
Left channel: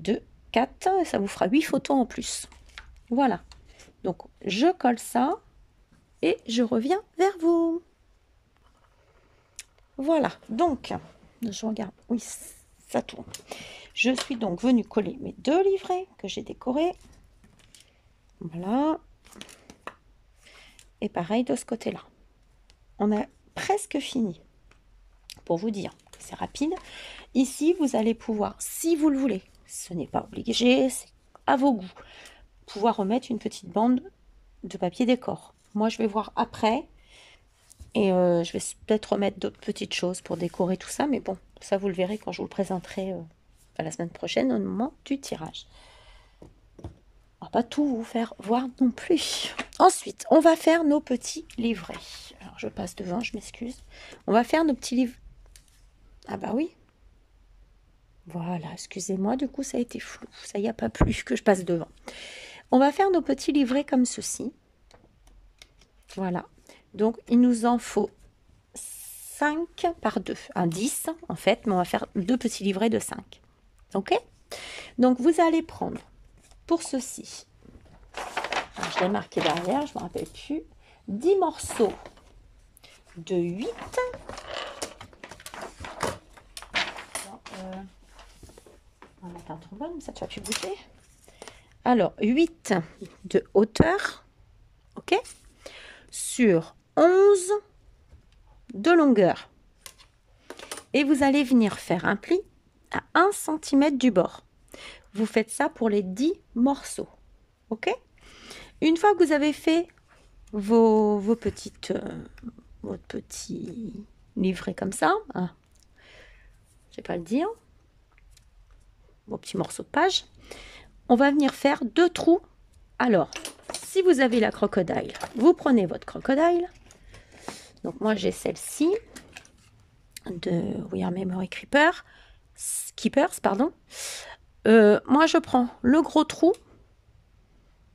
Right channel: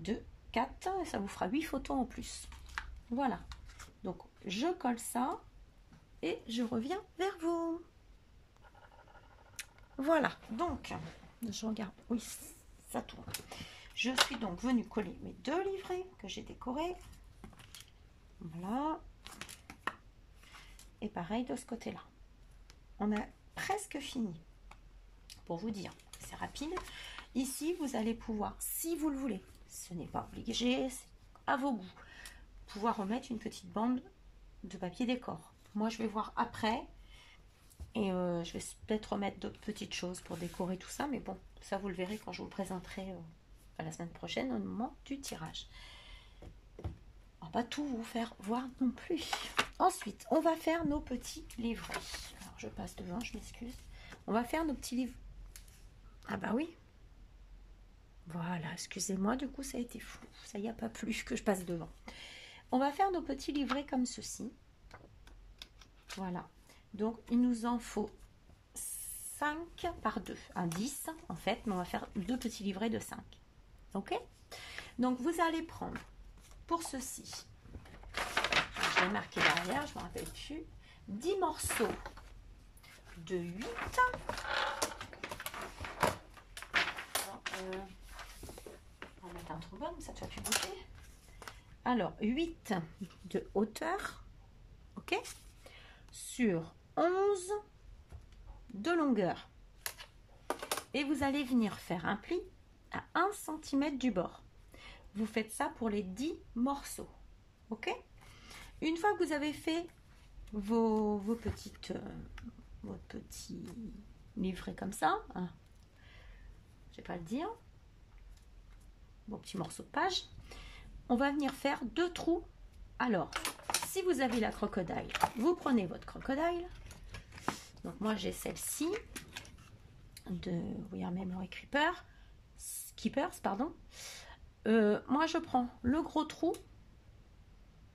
4, et ça vous fera 8 photos en plus. Voilà, donc je colle ça et je reviens vers vous. Voilà, donc, je regarde, oui, ça tourne. Je suis donc venue coller mes 2 livrets que j'ai décorés. Voilà. Et pareil de ce côté-là. On a presque fini. Pour vous dire, c'est rapide. Ici, vous allez pouvoir, si vous le voulez, ce n'est pas obligé, c'est à vos goûts, pouvoir remettre une petite bande de papier décor. Moi, je vais voir après Et je vais peut-être remettre d'autres petites choses pour décorer tout ça. Mais bon, ça vous le verrez quand je vous le présenterai la semaine prochaine au moment du tirage. On va pas tout vous faire voir non plus. Ensuite, on va faire nos petits livrets. Alors, je passe devant, je m'excuse. On va faire nos petits livres. Ah bah oui. Voilà, excusez-moi, du coup, ça a été flou. Ça y a pas plu que je passe devant. On va faire nos petits livrets comme ceci. Voilà. Donc, il nous en faut 5 par 2. Un 10, en fait, mais on va faire 2 petits livrets de 5. OK? Donc, vous allez prendre pour ceci, alors, je l'ai marqué derrière, je ne me rappelle plus, 10 morceaux de 8. On n'a pas trop bonne, ça ne va plus bouger. Alors, 8 de hauteur, ok, sur 11 de longueur. Et vous allez venir faire un pli à 1 cm du bord. Vous faites ça pour les 10 morceaux, ok. Une fois que vous avez fait vos petites, votre petit livret comme ça, hein, je vais pas le dire, vos petits morceaux de page, on va venir faire 2 trous. Alors, si vous avez la crocodile, vous prenez votre crocodile. Donc moi j'ai celle-ci de We Are Memory Keepers, pardon. Moi je prends le gros trou.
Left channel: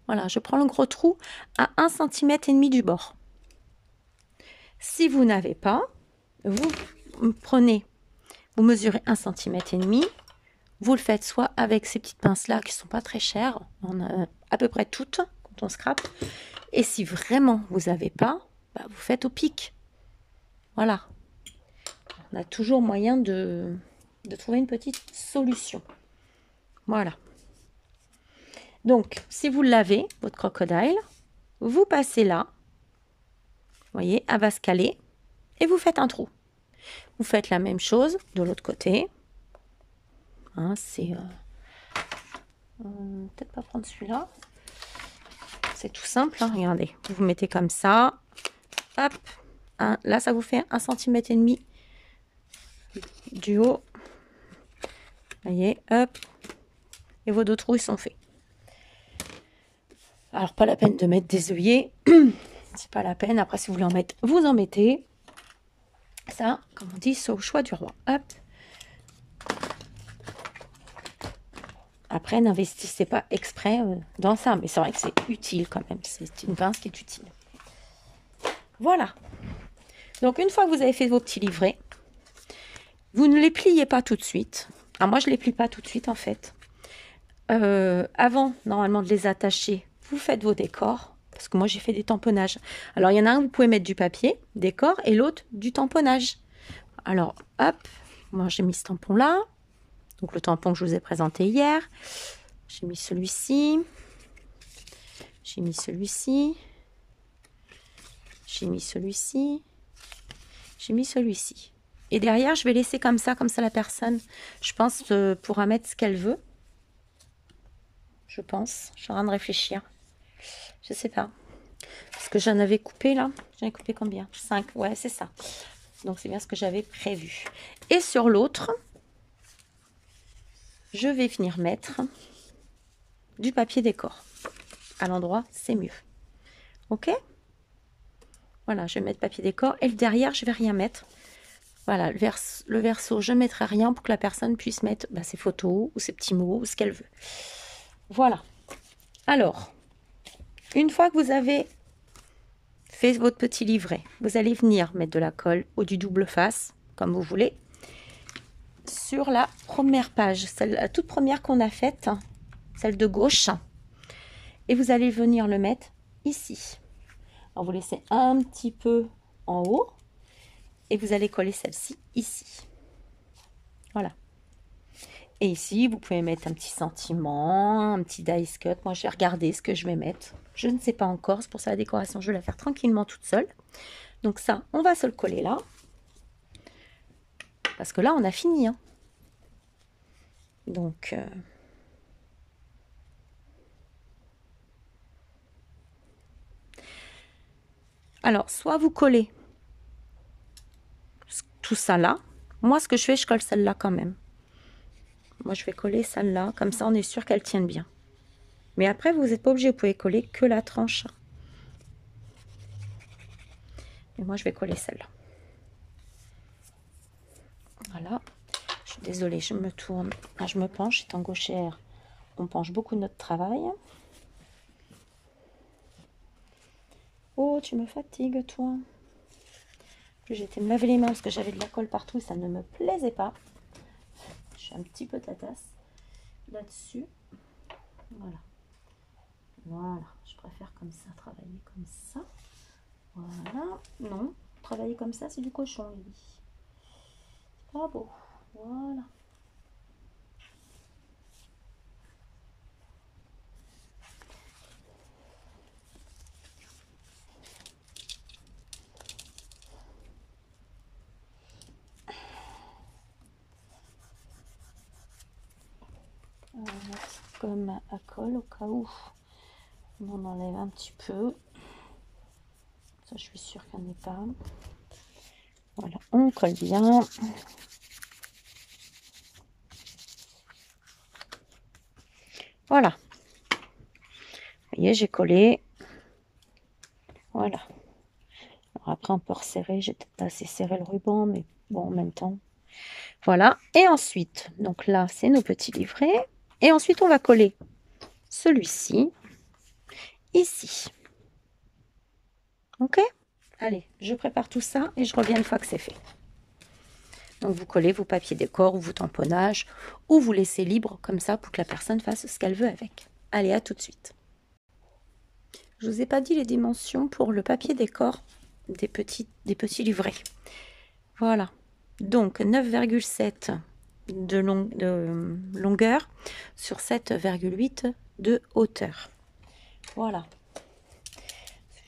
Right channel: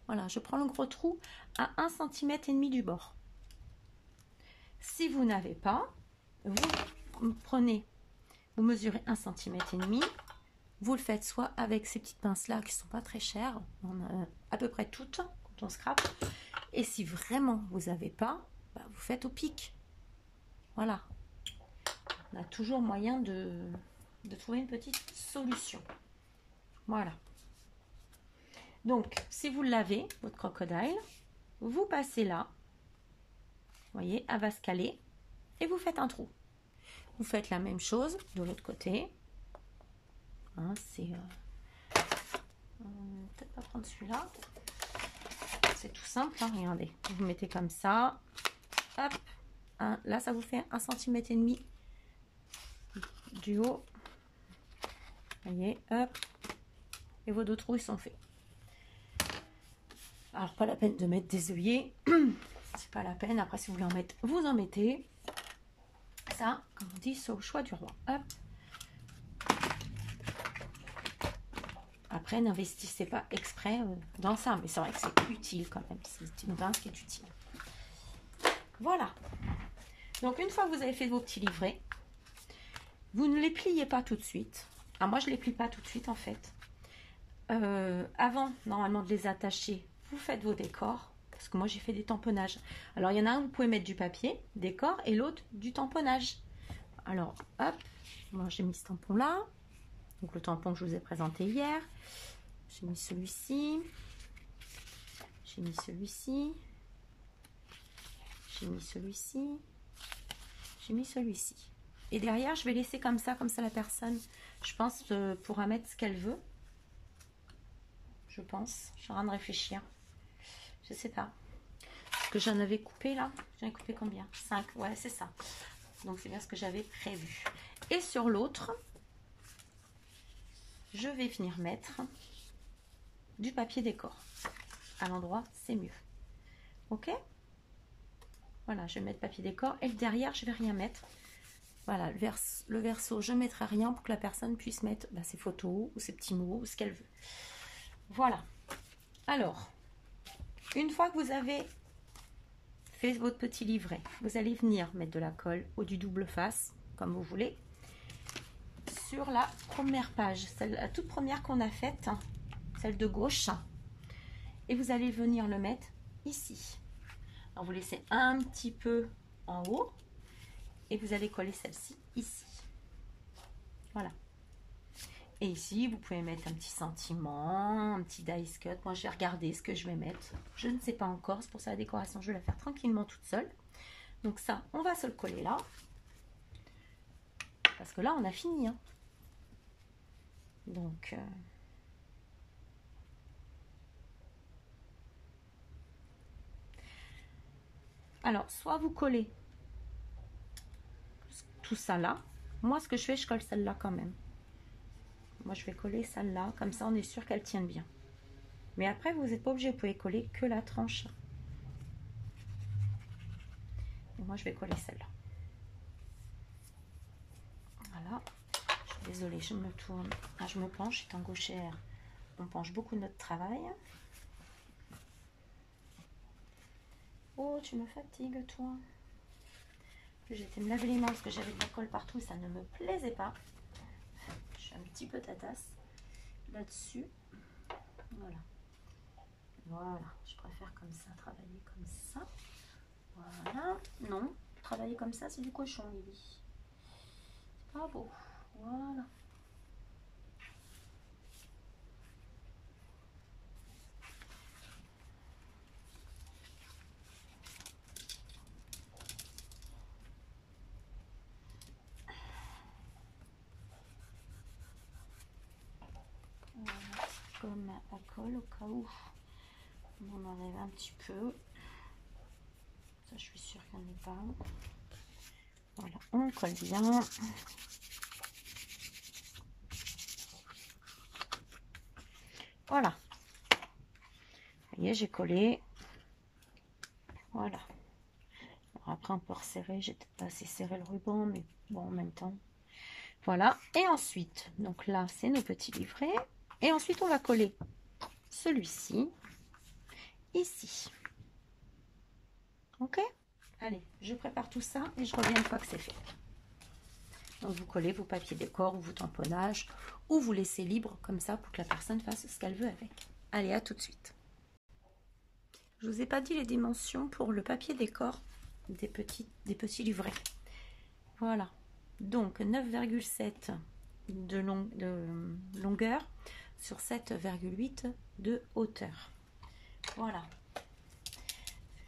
Voilà, je prends le gros trou à 1,5 cm du bord. Si vous n'avez pas, vous prenez, vous mesurez 1,5 cm. Vous le faites soit avec ces petites pinces là qui sont pas très chères, on a à peu près toutes quand on scrape. Et si vraiment vous n'avez pas, bah, vous faites au pic. Voilà. On a toujours moyen de trouver une petite solution. Voilà. Donc, si vous l'avez, votre crocodile, vous passez là. Vous voyez, elle va se caler. Et vous faites un trou. Vous faites la même chose de l'autre côté. Hein, c'est... peut-être pas prendre celui-là. C'est tout simple. Hein, regardez. Vous vous mettez comme ça. Hop. Hein, là, ça vous fait 1,5 cm du haut. Vous voyez, hop. Et vos 2 trous, ils sont faits. Alors, pas la peine de mettre des œillets. C'est pas la peine. Après, si vous voulez en mettre, vous en mettez. Ça, comme on dit, c'est au choix du roi. Hop. Après, n'investissez pas exprès dans ça. Mais c'est vrai que c'est utile quand même. C'est une pince qui est utile. Voilà. Donc, une fois que vous avez fait vos petits livrets, vous ne les pliez pas tout de suite. Alors, moi, je ne les plie pas tout de suite, en fait. Avant, normalement, de les attacher, vous faites vos décors. Parce que moi, j'ai fait des tamponnages. Alors, il y en a un, vous pouvez mettre du papier, décor, et l'autre, du tamponnage. Alors, hop, moi, j'ai mis ce tampon-là. Donc, le tampon que je vous ai présenté hier. J'ai mis celui-ci. J'ai mis celui-ci. J'ai mis celui-ci. J'ai mis celui-ci. Et derrière, je vais laisser comme ça la personne, je pense, pourra mettre ce qu'elle veut. Je pense. Je suis en train de réfléchir. Je sais pas. Parce que j'en avais coupé là. J'en ai coupé combien? 5. Ouais, c'est ça. Donc, c'est bien ce que j'avais prévu. Et sur l'autre, je vais venir mettre du papier décor. À l'endroit, c'est mieux. Ok? Voilà, je vais mettre papier décor. Et le derrière, je vais rien mettre. Voilà, le verso, je ne mettrai rien pour que la personne puisse mettre ses photos ou ses petits mots ou ce qu'elle veut. Voilà. Alors, une fois que vous avez fait votre petit livret, vous allez venir mettre de la colle ou du double face, comme vous voulez, sur la première page, la toute première qu'on a faite, celle de gauche. Et vous allez venir le mettre ici. Alors, vous laissez un petit peu en haut. Et vous allez coller celle-ci ici. Voilà. Et ici, vous pouvez mettre un petit sentiment, un petit dice cut. Moi, je vais regarder ce que je vais mettre. Je ne sais pas encore. C'est pour ça la décoration, je vais la faire tranquillement toute seule. Donc ça, on va se le coller là. Parce que là, on a fini. Hein. Donc... Alors, soit vous collez tout ça là. Moi, ce que je fais, je colle celle-là quand même. Moi, je vais coller celle-là. Comme ça, on est sûr qu'elle tienne bien. Mais après, vous n'êtes pas obligé. Vous pouvez coller que la tranche. Et moi, je vais coller celle-là. Voilà. Je suis désolée, je me tourne. Ah, je me penche. Étant gauchère, on penche beaucoup notre travail. Oh, tu me fatigues, toi. J'ai été me laver les mains parce que j'avais de la colle partout et ça ne me plaisait pas. Je suis un petit peu tatasse là-dessus. Voilà. Voilà. Je préfère comme ça, travailler comme ça. Voilà. Non, travailler comme ça, c'est du cochon, Lily. C'est pas beau. Voilà. On va mettre comme à colle au cas où on en enlève un petit peu. Ça, je suis sûre qu'il n'y en ait pas. Voilà, on colle bien. Voilà. Vous voyez, j'ai collé. Voilà. Alors après, on peut resserrer. J'ai peut-être pas assez serré le ruban, mais bon, en même temps. Voilà. Et ensuite, donc là, c'est nos petits livrets. Et ensuite, on va coller celui-ci ici. Ok? Allez, je prépare tout ça et je reviens une fois que c'est fait. Donc, vous collez vos papiers décor ou vos tamponnages ou vous laissez libre comme ça pour que la personne fasse ce qu'elle veut avec. Allez, à tout de suite. Je vous ai pas dit les dimensions pour le papier décor des petits livrets. Voilà. Donc, 9,7 de longueur sur 7,8 de hauteur. Voilà.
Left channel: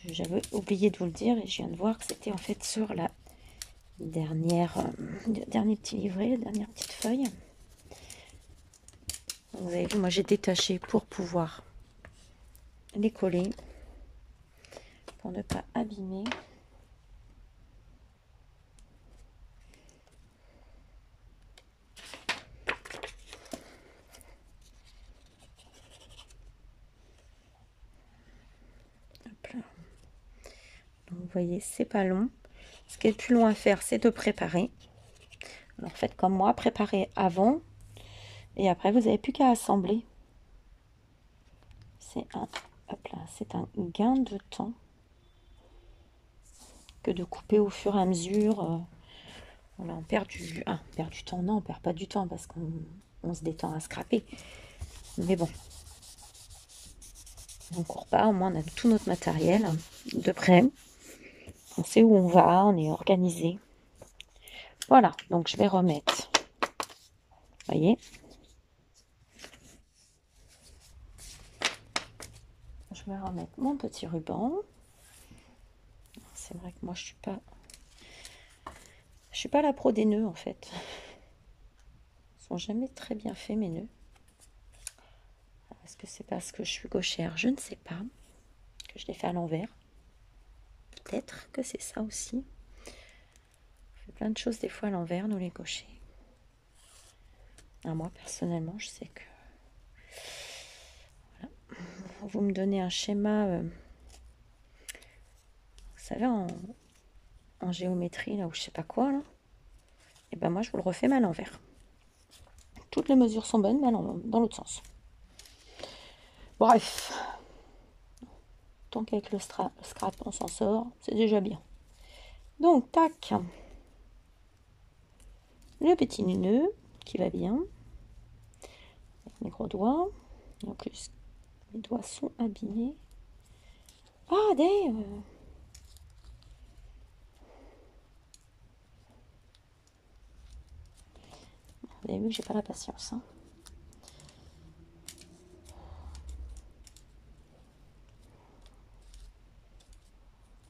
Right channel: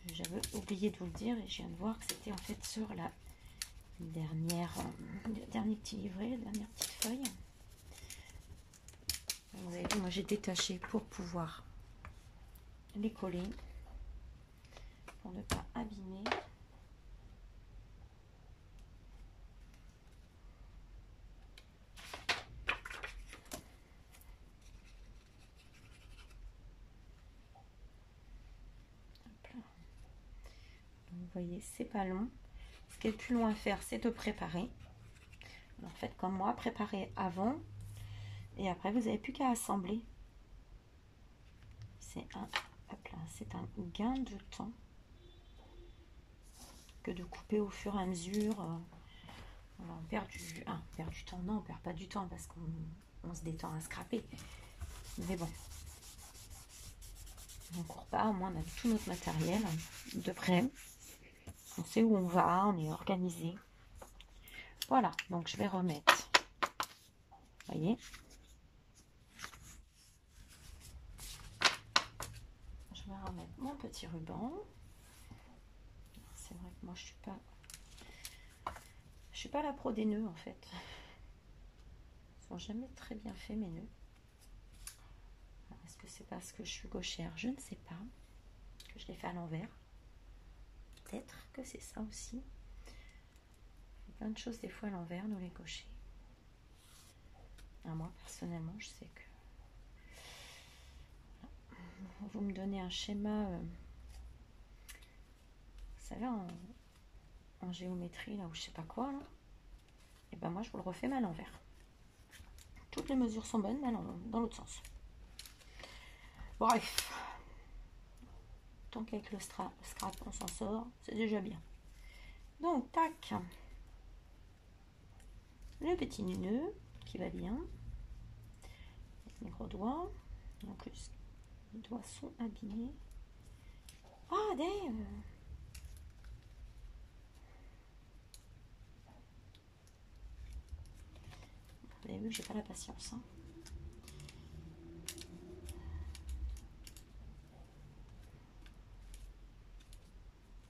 J'avais oublié de vous le dire et je viens de voir que c'était en fait sur la dernier petit livret, la dernière petite feuille. Vous avez vu, moi j'ai détaché pour pouvoir les coller, pour ne pas abîmer. Hop là. Donc, vous voyez, c'est pas long. Ce qui est le plus long à faire, c'est de préparer. Alors faites comme moi, préparez avant et après vous n'avez plus qu'à assembler. C'est un gain de temps que de couper au fur et à mesure. Voilà, on perd du temps. Non, on perd pas du temps parce qu'on se détend à scraper. Mais bon, on ne court pas, au moins on a tout notre matériel de près. On sait où on va, on est organisé. Voilà, donc je vais remettre. Vous voyez, je vais remettre mon petit ruban. C'est vrai que moi je suis pas la pro des nœuds en fait. Ils sont jamais très bien faits mes nœuds. Est-ce que c'est parce que je suis gauchère? Je ne sais pas. Que je les fais à l'envers. Peut-être que c'est ça aussi. On fait plein de choses des fois à l'envers, nous les gauchers. Moi personnellement, je sais que voilà. Vous me donnez un schéma, vous savez, en géométrie, là, ou je sais pas quoi, là. Et ben moi, je vous le refais mais à l'envers. Toutes les mesures sont bonnes, mais dans l'autre sens. Bref. Tant qu'avec le scrap, on s'en sort, c'est déjà bien. Donc, tac. Le petit nœud qui va bien. Avec mes gros doigts. En plus, mes doigts sont abîmés. Ah, damn! Vous avez vu que j'ai pas la patience. Hein.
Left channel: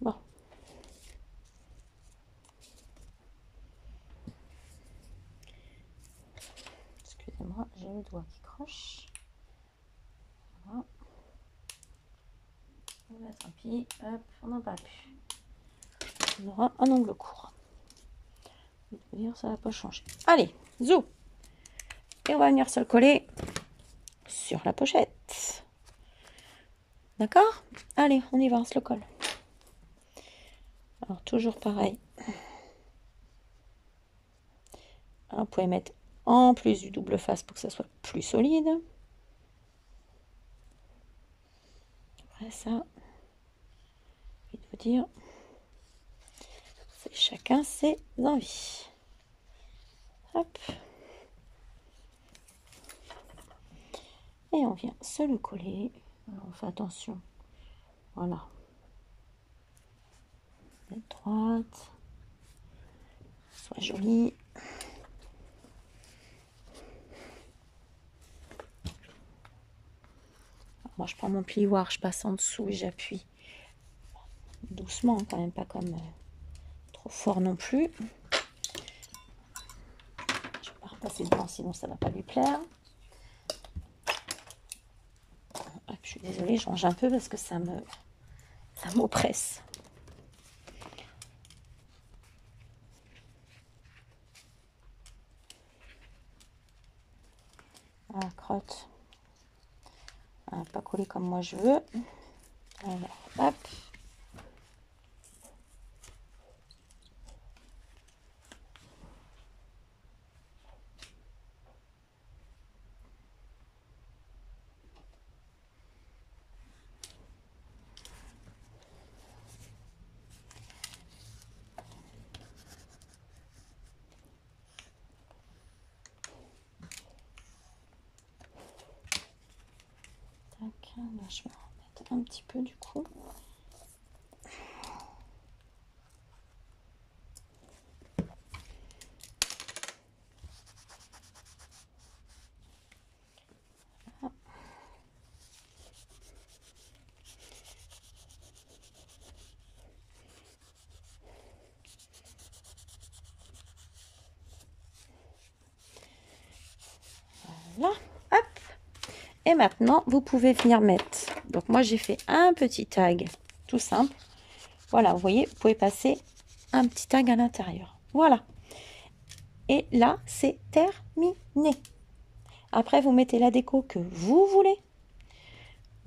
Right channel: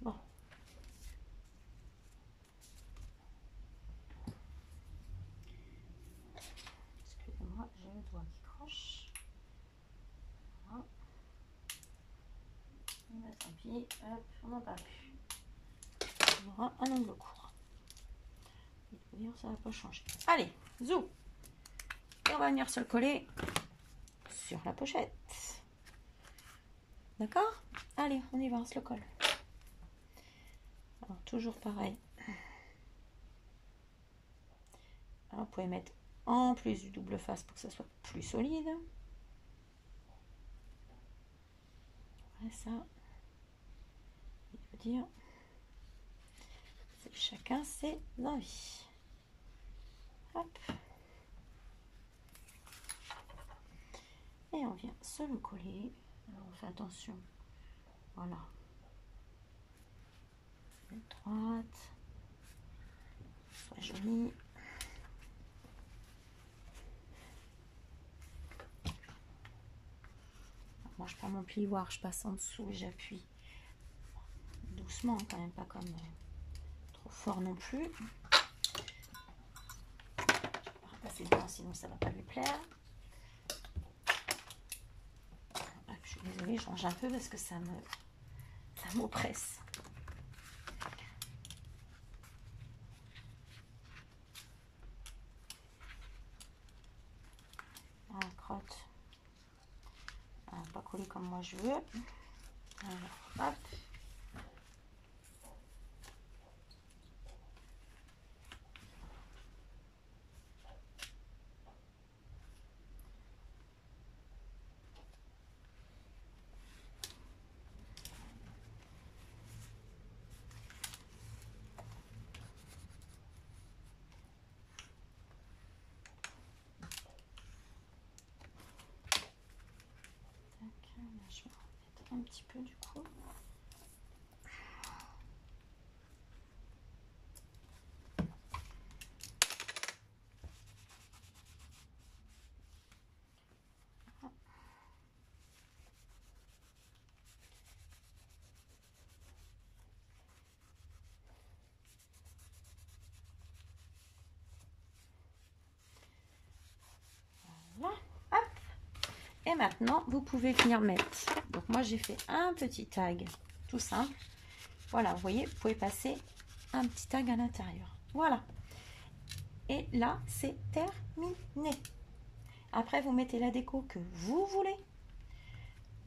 Bon. Excusez-moi, j'ai le doigt qui croche. Voilà. Là, tant pis. Hop, on n'en parle plus. On aura un ongle court. Ça va pas changer. Allez, zou. Et on va venir se le coller sur la pochette. D'accord? Allez, on y va, on se le colle. Alors, toujours pareil. Alors, vous pouvez mettre en plus du double face pour que ça soit plus solide. Après ça, je vais vous dire, c'est chacun ses envies. Hop. Et on vient se le coller. Alors, on fait attention. Voilà. Droite. Soit jolie. Moi, je prends mon plioir, je passe en dessous et j'appuie doucement, quand même pas comme trop fort non plus. Je vais pas repasser dedans, sinon ça va pas lui plaire. Je suis désolée, je range un peu parce que ça m'oppresse. La crotte. Pas coller comme moi je veux. Alors, hop. Là, je vais en mettre un petit peu du coup. Voilà, hop. Et maintenant, vous pouvez venir mettre. Donc moi, j'ai fait un petit tag tout simple. Voilà, vous voyez, vous pouvez passer un petit tag à l'intérieur. Voilà. Et là, c'est terminé. Après, vous mettez la déco que vous voulez.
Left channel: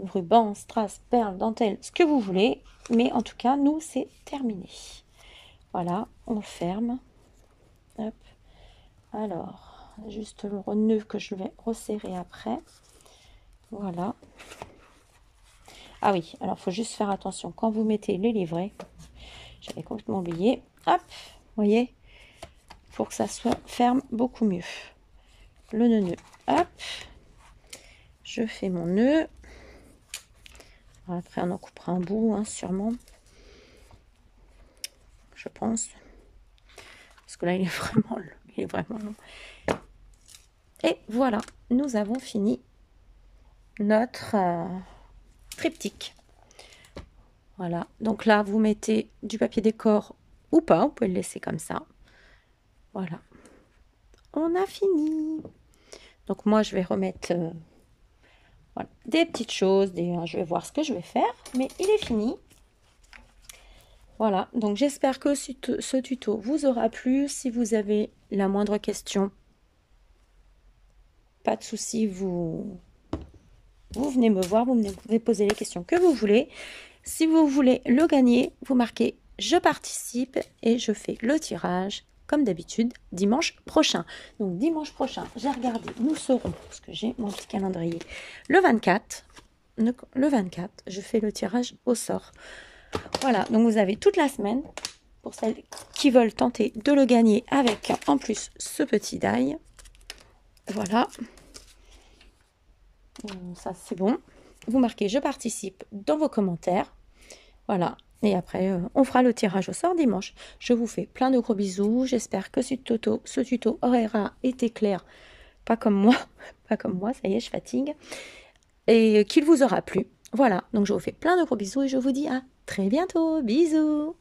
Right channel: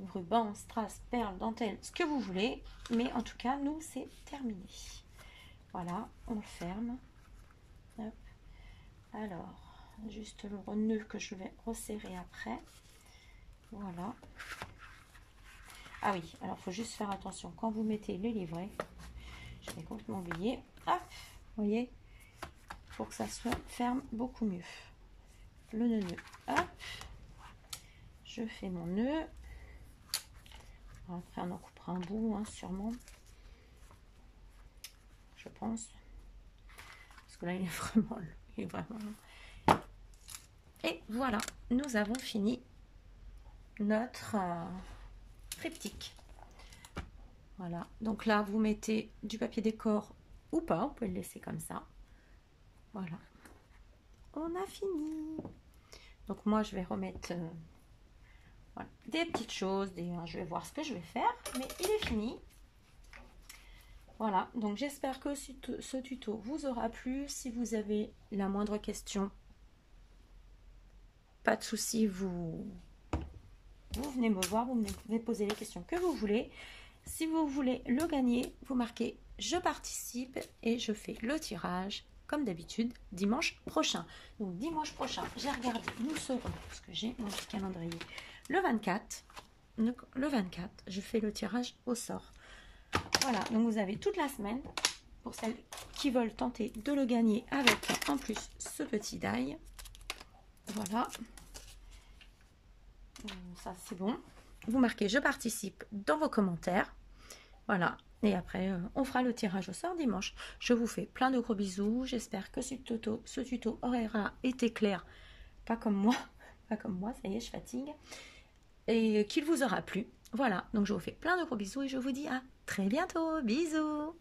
Ruban, strass, perles, dentelle, ce que vous voulez. Mais en tout cas, nous, c'est terminé. Voilà, on le ferme. Hop. Alors, juste le nœud que je vais resserrer après. Voilà. Ah oui, alors il faut juste faire attention. Quand vous mettez les livrets, j'avais complètement oublié. Hop, vous voyez, pour que ça soit ferme beaucoup mieux. Le nœud, hop. Je fais mon nœud. Après, on en coupera un bout, hein, sûrement. Je pense. Parce que là, il est vraiment long. Et voilà, nous avons fini notre triptyque. Voilà, donc là, vous mettez du papier décor ou pas, vous pouvez le laisser comme ça. Voilà, on a fini. Donc moi, je vais remettre voilà, des petites choses, je vais voir ce que je vais faire, mais il est fini. Voilà, donc j'espère que ce tuto vous aura plu. Si vous avez la moindre question, pas de souci, vous venez me voir, vous venez poser les questions que vous voulez. Si vous voulez le gagner, vous marquez « Je participe » et je fais le tirage, comme d'habitude, dimanche prochain. Donc dimanche prochain, j'ai regardé, nous serons, parce que j'ai mon petit calendrier, le 24. Le 24, je fais le tirage au sort. Voilà, donc vous avez toute la semaine pour celles qui veulent tenter de le gagner avec en plus ce petit die. Voilà. Ça c'est bon. Vous marquez je participe dans vos commentaires. Voilà. Et après on fera le tirage au sort dimanche. Je vous fais plein de gros bisous. J'espère que ce tuto aura été clair. Pas comme moi. Pas comme moi, ça y est, je fatigue. Et qu'il vous aura plu. Voilà. Donc je vous fais plein de gros bisous et je vous dis à très bientôt. Bisous.